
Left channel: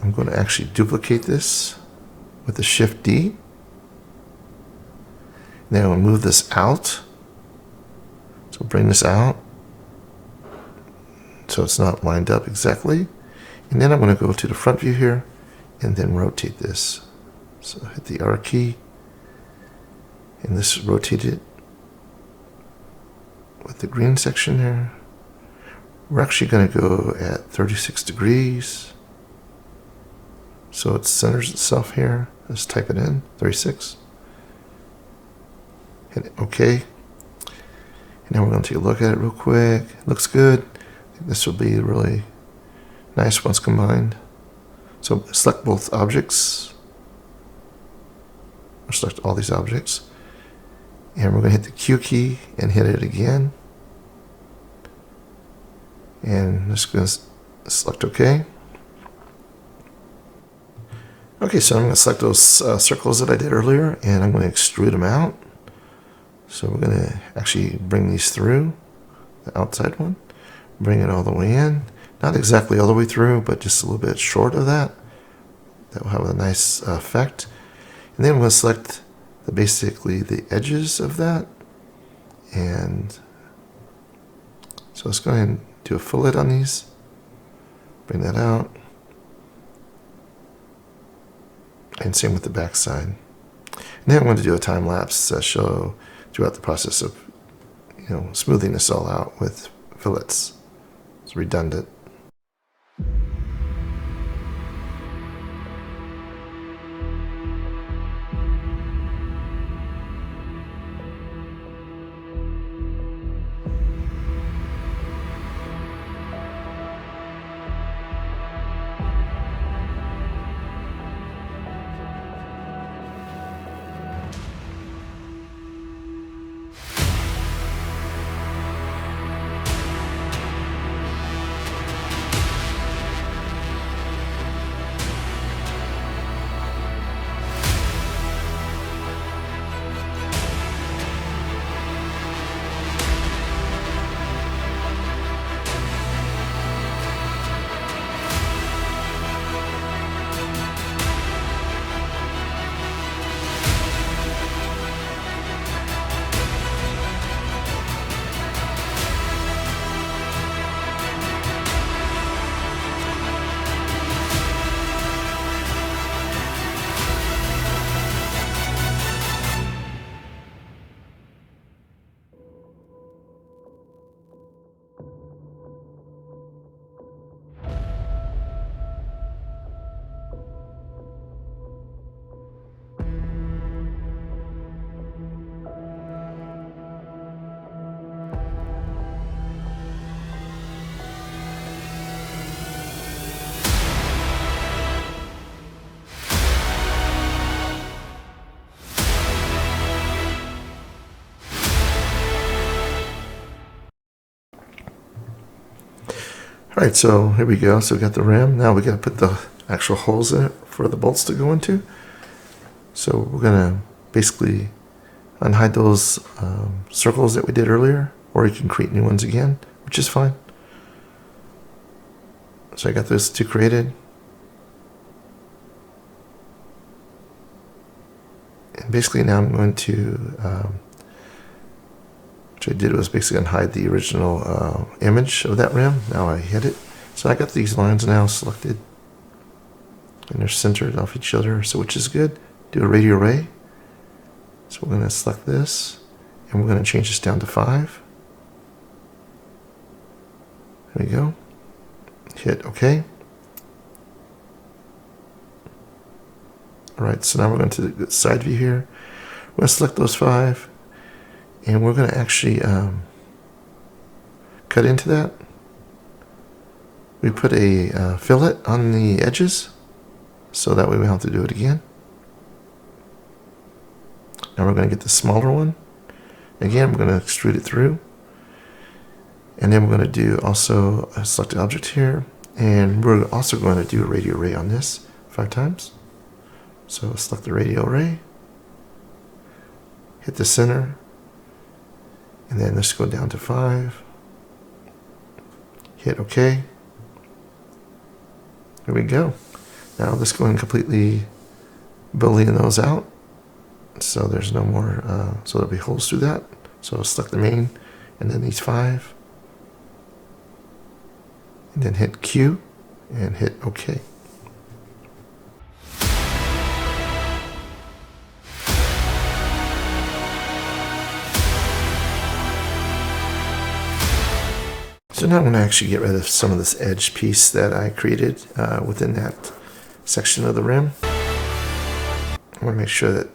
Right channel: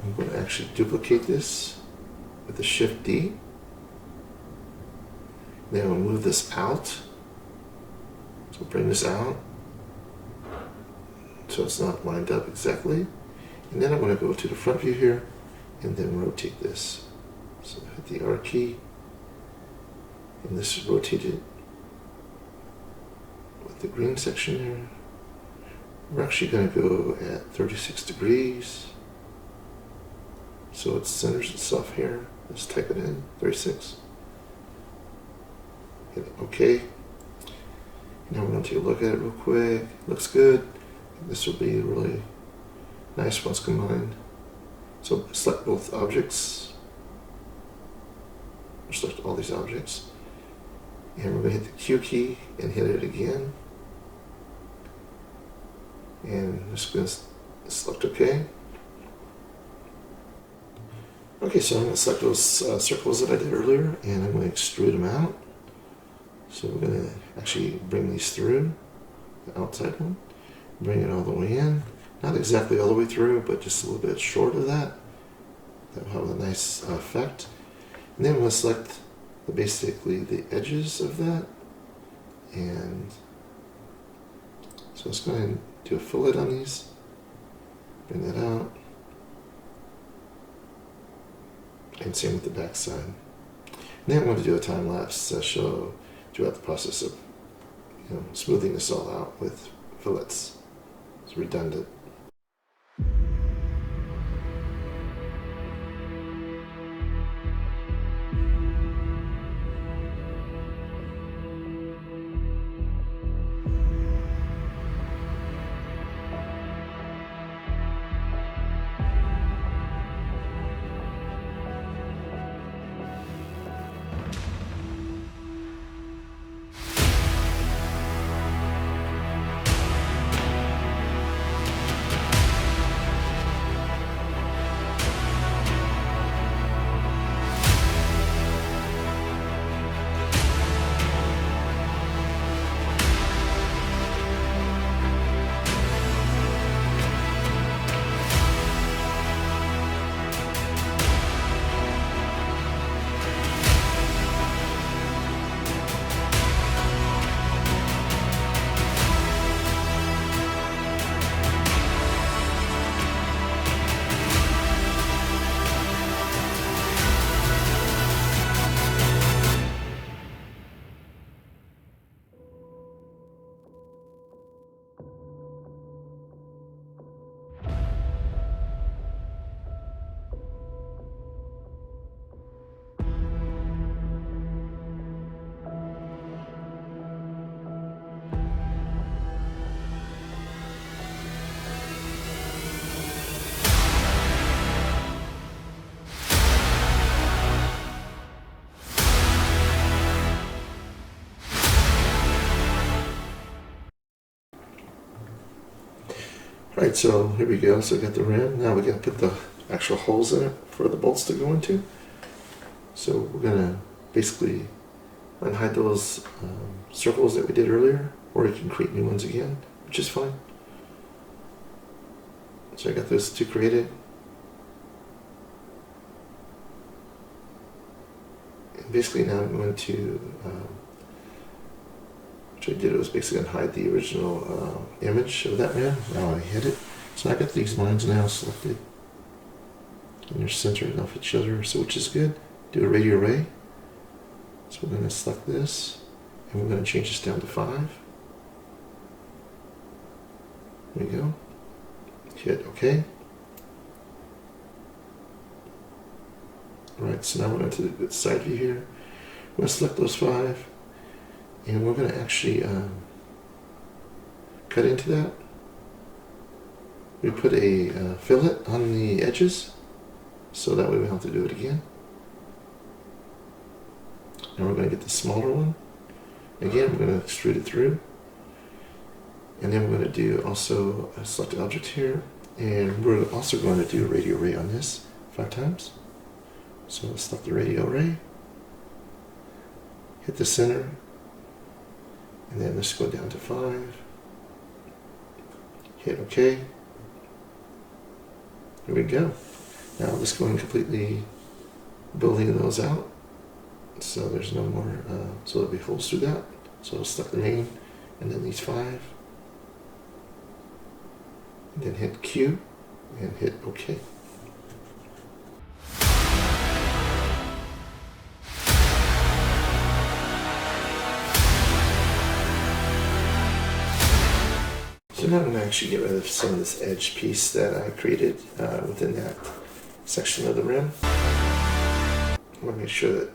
I'm going to actually duplicate this with the Shift D. Then I'm going to move this out. So bring this out so it's not lined up exactly. And then I'm going to go to the front view here and then rotate this. So hit the R key and this rotate it with the green section there. We're actually going to go at 36 degrees. So it centers itself here. Let's type it in, 36. Hit OK. Now we're going to take a look at it real quick. It looks good. This will be really nice once combined. So select both objects. Or select all these objects. And we're going to hit the Q key and hit it again. And just going to select OK. Okay, so I'm going to select those circles that I did earlier and I'm going to extrude them out. So we're going to actually bring these through, the outside one, bring it all the way in. Not exactly all the way through, but just a little bit short of that. That will have a nice effect. And then I'm going to select basically the edges of that. And so let's go ahead and do a fillet on these. Bring that out. And same with the back side. And then I'm going to do a time lapse to show throughout the process of, smoothing this all out with fillets. It's redundant. Alright, so here we go. So we got the rim. Now we got to put the actual holes in it for the bolts to go into. So we're going to basically unhide those circles that we did earlier, or you can create new ones again, which is fine. So I got those two created. And basically now I'm going to, what I did was basically unhide the original image of that rim. Now I hit it. So I got these lines now selected. And they're centered off each other, so which is good. Do a radio array. So we're going to select this, and we're going to change this down to 5. There we go. hit OK. All right, so now we're going to the side view here. We're going to select those 5, and we're going to actually cut into that. We put a fillet on the edges, so that way we don't have to do it again. Now we're going to get the smaller one. Again, we're going to extrude it through. And then we're going to do also a selected object here. And we're also going to do a radial ray on this 5 times. So let's select the radial ray. Hit the center. And then let's go down to 5. Hit OK. There we go. Now let's go and completely boolean those out. So there's no more, so there'll be holes through that. So I'll select the main and then these 5. And then hit Q and hit OK. So now I'm going to actually get rid of some of this edge piece that I created within that section of the rim. I want to make sure that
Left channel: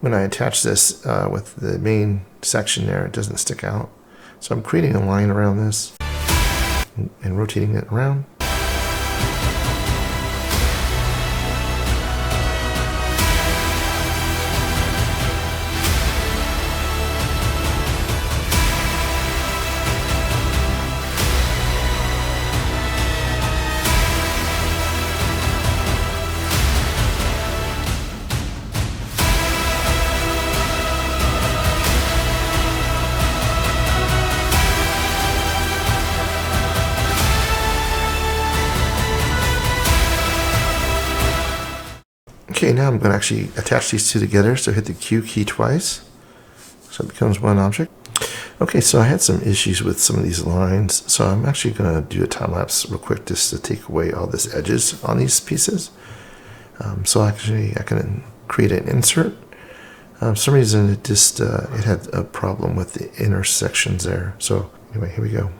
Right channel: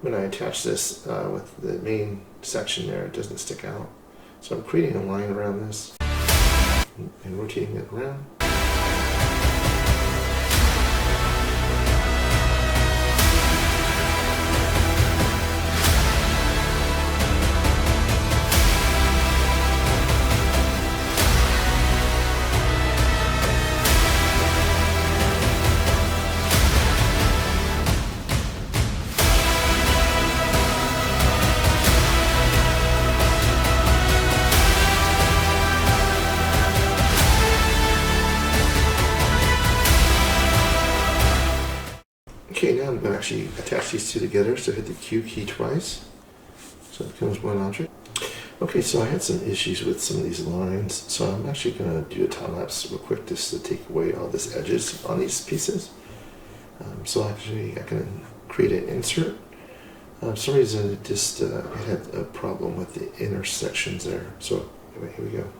when I attach this with the main section there, it doesn't stick out. So I'm creating a line around this and rotating it around. Okay, now I'm going to actually attach these 2 together, so hit the Q key twice, so it becomes one object. Okay, so I had some issues with some of these lines, so I'm actually going to do a time lapse real quick just to take away all these edges on these pieces. So actually I can create an insert. For some reason it just it had a problem with the intersections there. So anyway, here we go.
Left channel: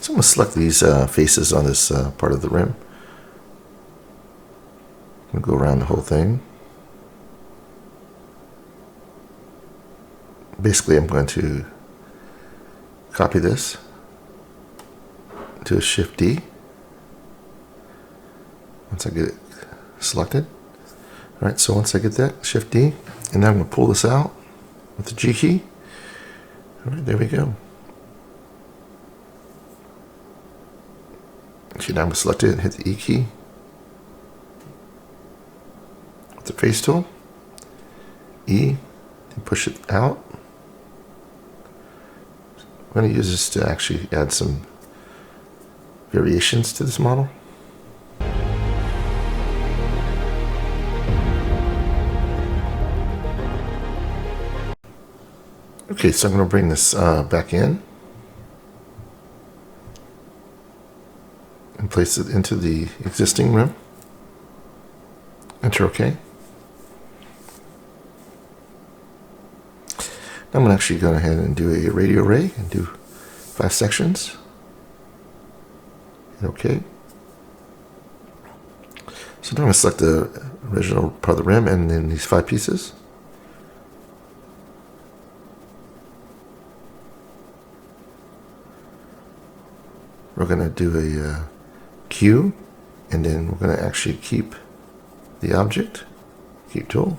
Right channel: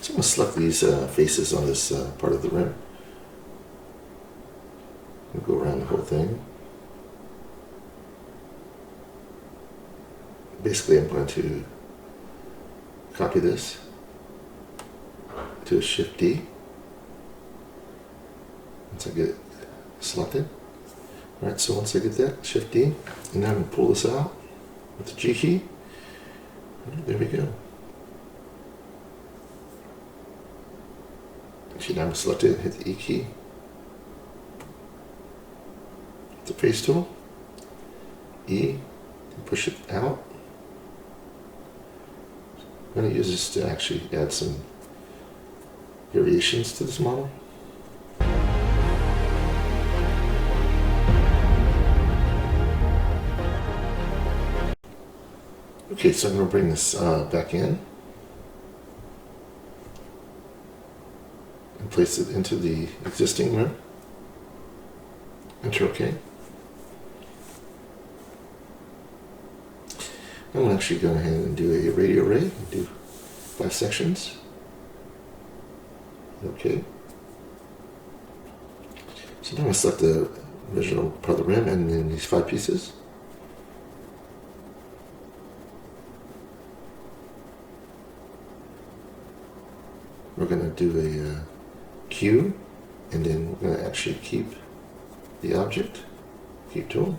So I'm going to select these faces on this part of the rim. I'm going to go around the whole thing. Basically, I'm going to copy this, do a Shift D. Once I get it selected. Alright, so once I get that, Shift D, and now I'm going to pull this out with the G key. Alright, there we go. Actually, now I'm going to select it and hit the E key. With the face tool, E, and push it out. I'm going to use this to actually add some variations to this model. Okay, so I'm going to bring this back in and place it into the existing rim. Enter OK. I'm going to actually go ahead and do a radial ray and do 5 sections. And OK. So now I'm going to select the original part of the rim, and then these 5 pieces. We're going to do a Q, and then we're going to actually keep the object, keep tool.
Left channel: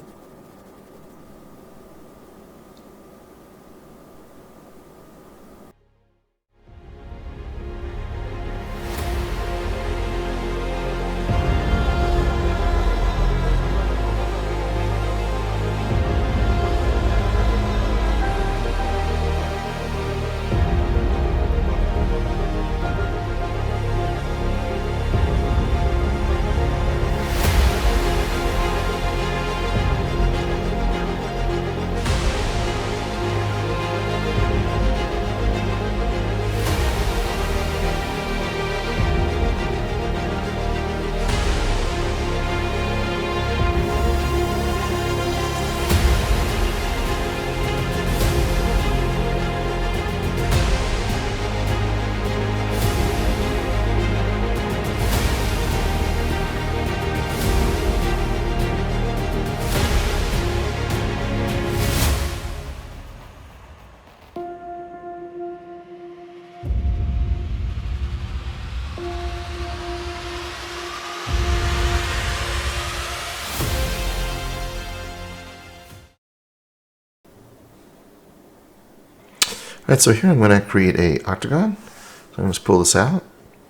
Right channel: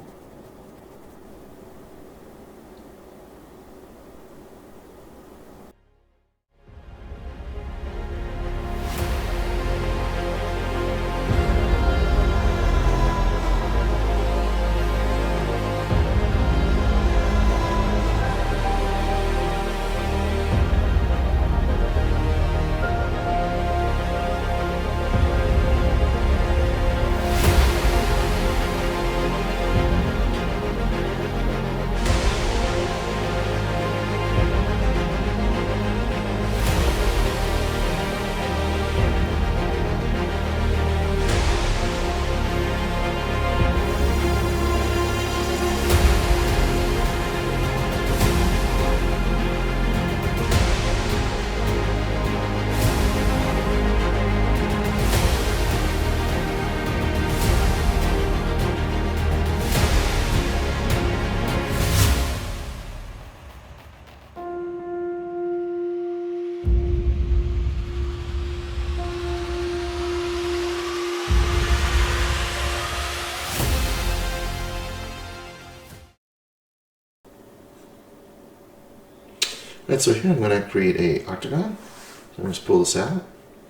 Alright, so here I'm going to create a octagon. So I'm going to just pull this out,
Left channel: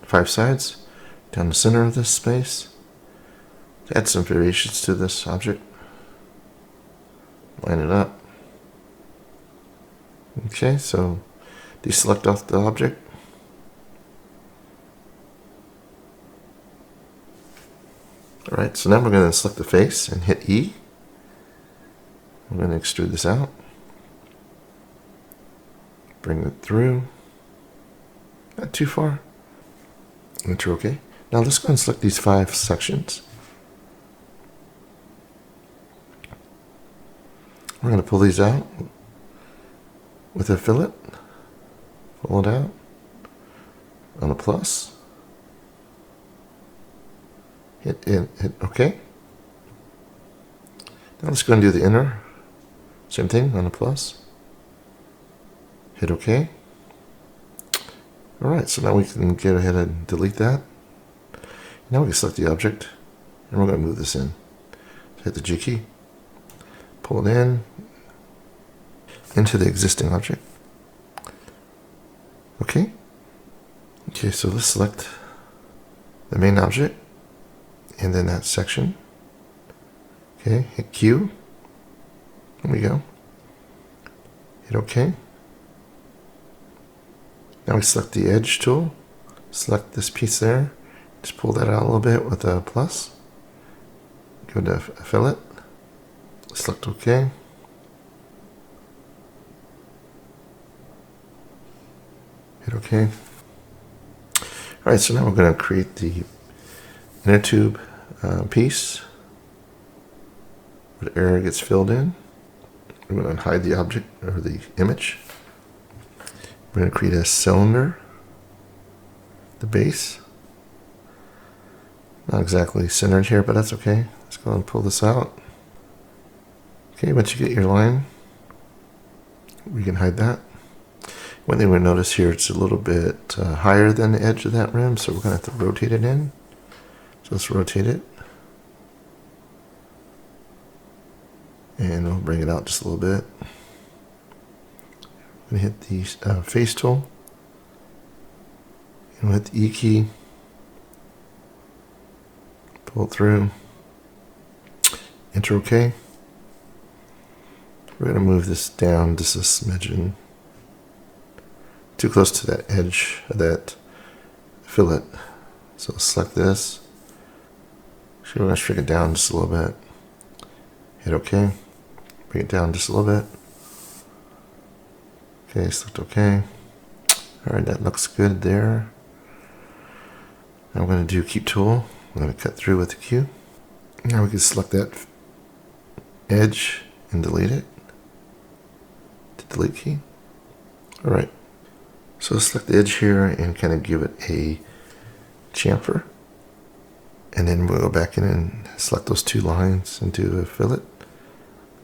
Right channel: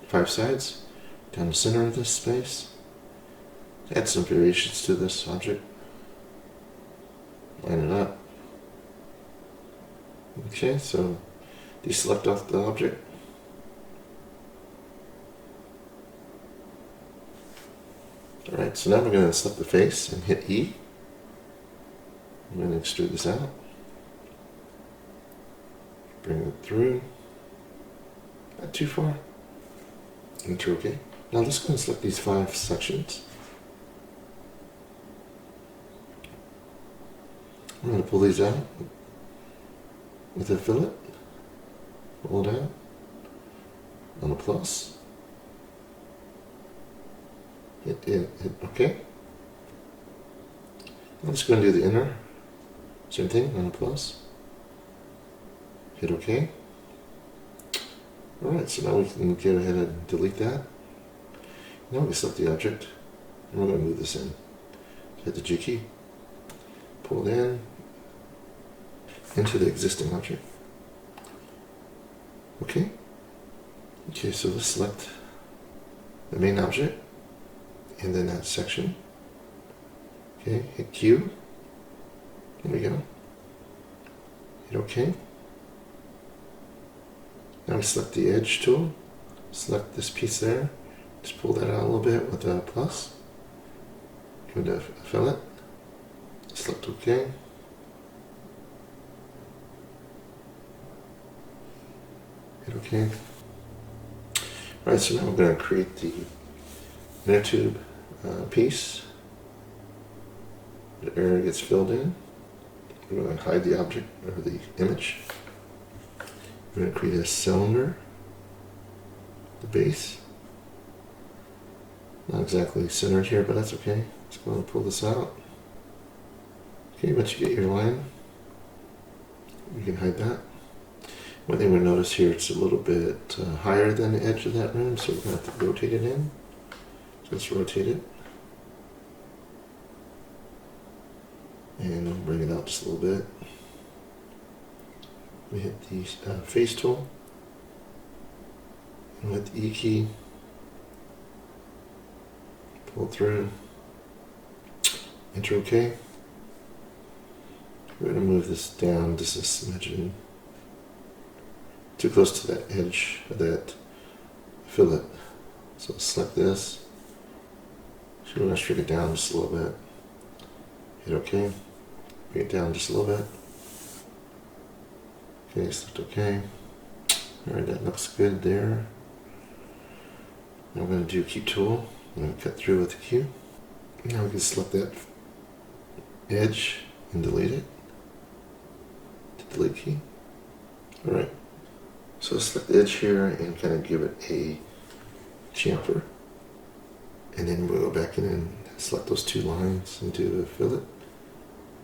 5 sides, down the center of this space. Add some variations to this object. Line it up. Okay, so deselect off the object. Alright, so now we're going to select the face and hit E. I'm going to extrude this out. Bring it through. Not too far. Enter OK. Now let's go and select these 5 sections. We're going to pull these out with a fillet. Pull it out on a plus. Hit OK. Now let's go and do the inner. Same thing on a plus. Hit OK. Alright, so now we can get ahead and delete that. Now we can select the object, and we're going to move this in. Hit the G key. Pull it in into the existing object. Okay. Okay, so let's select the main object, and then that section. Okay, hit Q. There we go. Hit OK. Now we select the edge tool, select this piece there, just pull that out a little bit with a plus, go to fillet, select OK. Hit OK. Alright, so now we're going to create the inner tube piece. The area gets filled in. We're going to hide the object or the image. We're going to create a cylinder, the base. Not exactly centered here, but that's okay. Let's go and pull this out. Okay, once you get your line, we can hide that. One thing we'll notice here, it's a little bit higher than the edge of that rim, so we're going to have to rotate it in. So let's rotate it. And we'll bring it out just a little bit. I'm going to hit the face tool, and we'll hit the E key, pull it through, enter OK. We're going to move this down just a smidgen, too close to that edge of that fillet. So select this, so we're going to shrink it down just a little bit, hit OK, bring it down just a little bit. Okay, select OK. Alright, that looks good there. Now I'm going to do Keep Tool. I'm going to cut through with the Q. Now we can select that edge and delete it. The delete key. Alright, so select the edge here and kind of give it a chamfer. And then we'll go back in and select those two lines and do a fillet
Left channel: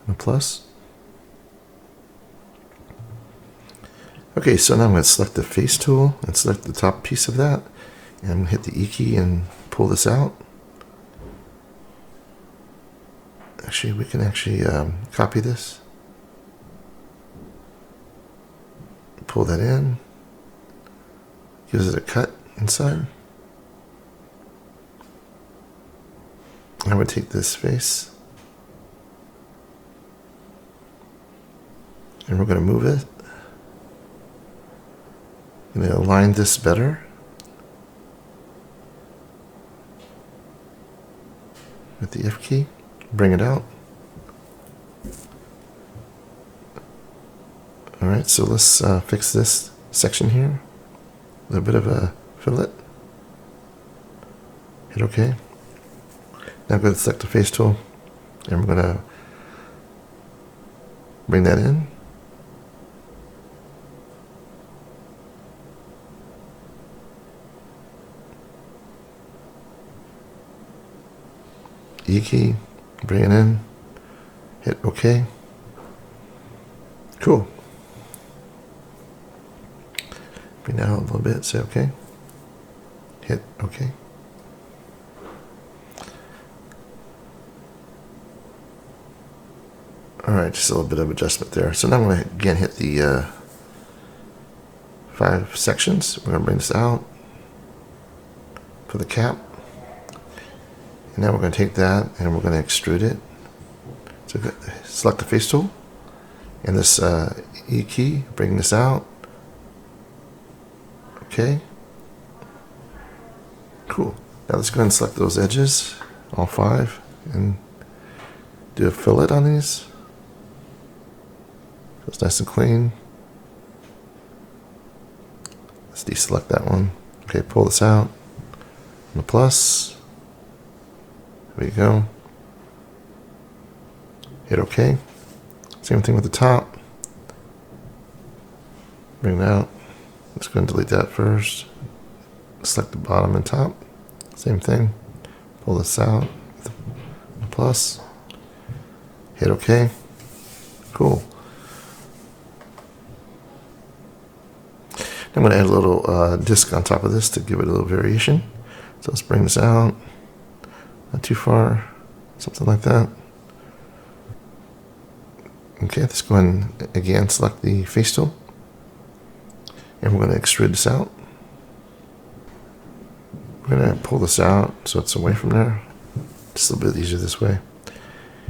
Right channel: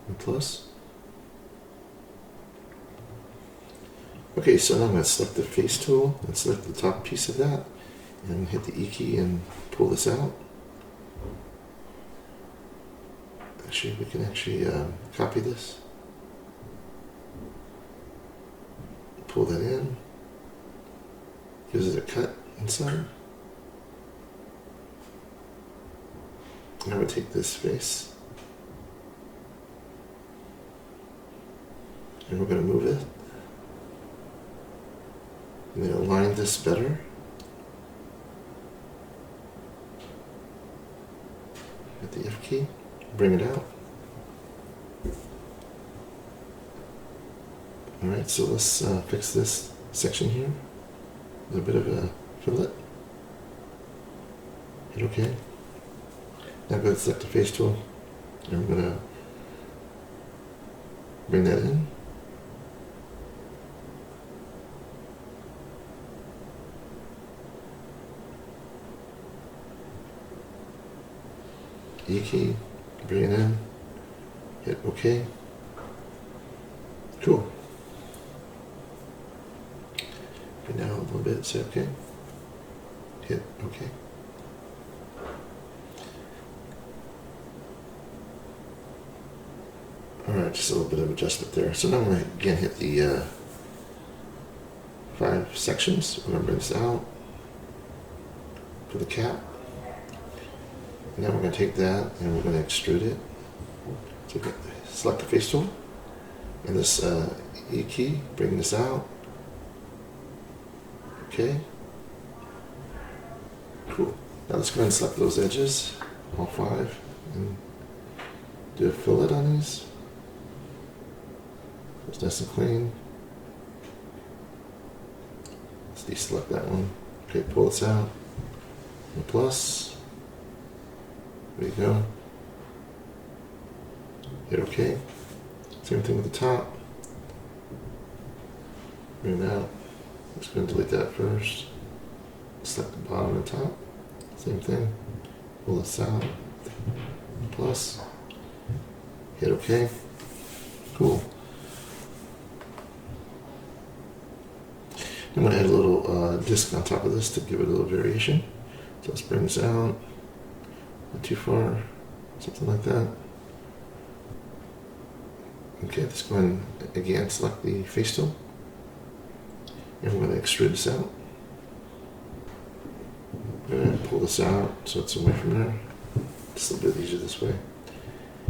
and a plus. Okay, so now I'm going to select the face tool and select the top piece of that and hit the E key and pull this out. Actually, we can copy this, pull that in, gives it a cut inside. I'm going to take this face and we're going to move it. I'm going to align this better. With the F key, bring it out. Alright, so let's fix this section here. A little bit of a fillet. Hit OK. Now I'm going to select the face tool and we're going to bring that in. E key, bring it in, hit OK. Cool. Bring down a little bit, say OK. Hit OK. Alright, just a little bit of adjustment there. So now I'm going to again hit the 5 sections. We're going to bring this out for the cap. And now we're going to take that and we're going to extrude it. So select the face tool and this E key, bring this out. Okay. Cool. Now let's go ahead and select those edges, all 5, and do a fillet on these. It's nice and clean. Let's deselect that one. Okay, pull this out. The plus. There we go. Hit OK. Same thing with the top. Bring it out. Let's go and delete that first. Select the bottom and top. Same thing. Pull this out. Plus. Hit OK. Cool. I'm going to add a little disc on top of this to give it a little variation. So let's bring this out. Not too far. Something like that. Okay, let's go ahead and again select the face tool. And we're going to extrude this out. We're going to pull this out so it's away from there. Just a little bit easier this way.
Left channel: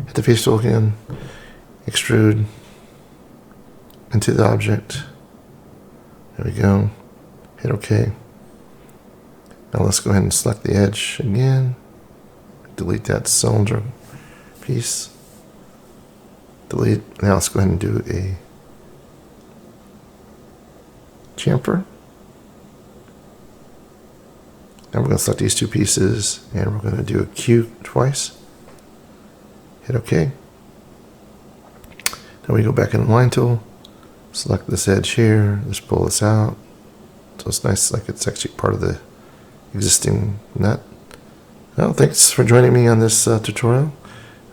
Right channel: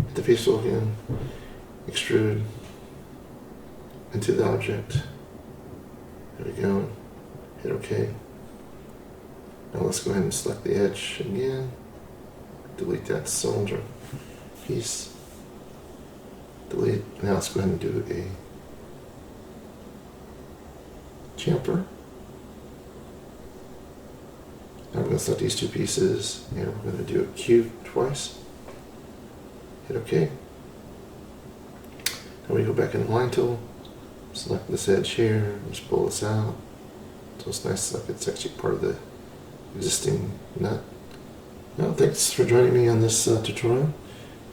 Hit the face tool again. Extrude into the object. There we go. Hit OK. Now let's go ahead and select the edge again. Delete that cylinder piece. Delete. Now let's go ahead and do a chamfer. Now we're going to select these 2 pieces and we're going to do a Q twice. Hit OK. Now we go back in the line tool. Select this edge here, just pull this out. So it's nice, like it's actually part of the existing nut. Well, thanks for joining me on this tutorial.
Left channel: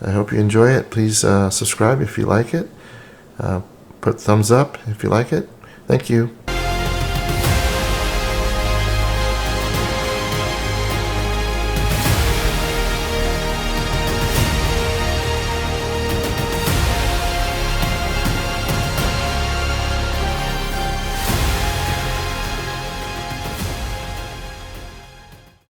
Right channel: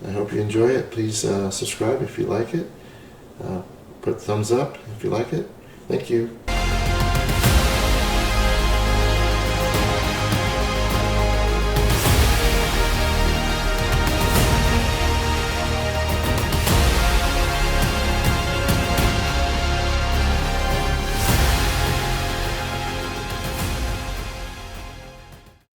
I hope you enjoy it. Please subscribe if you like it. Put a thumbs up if you like it. Thank you.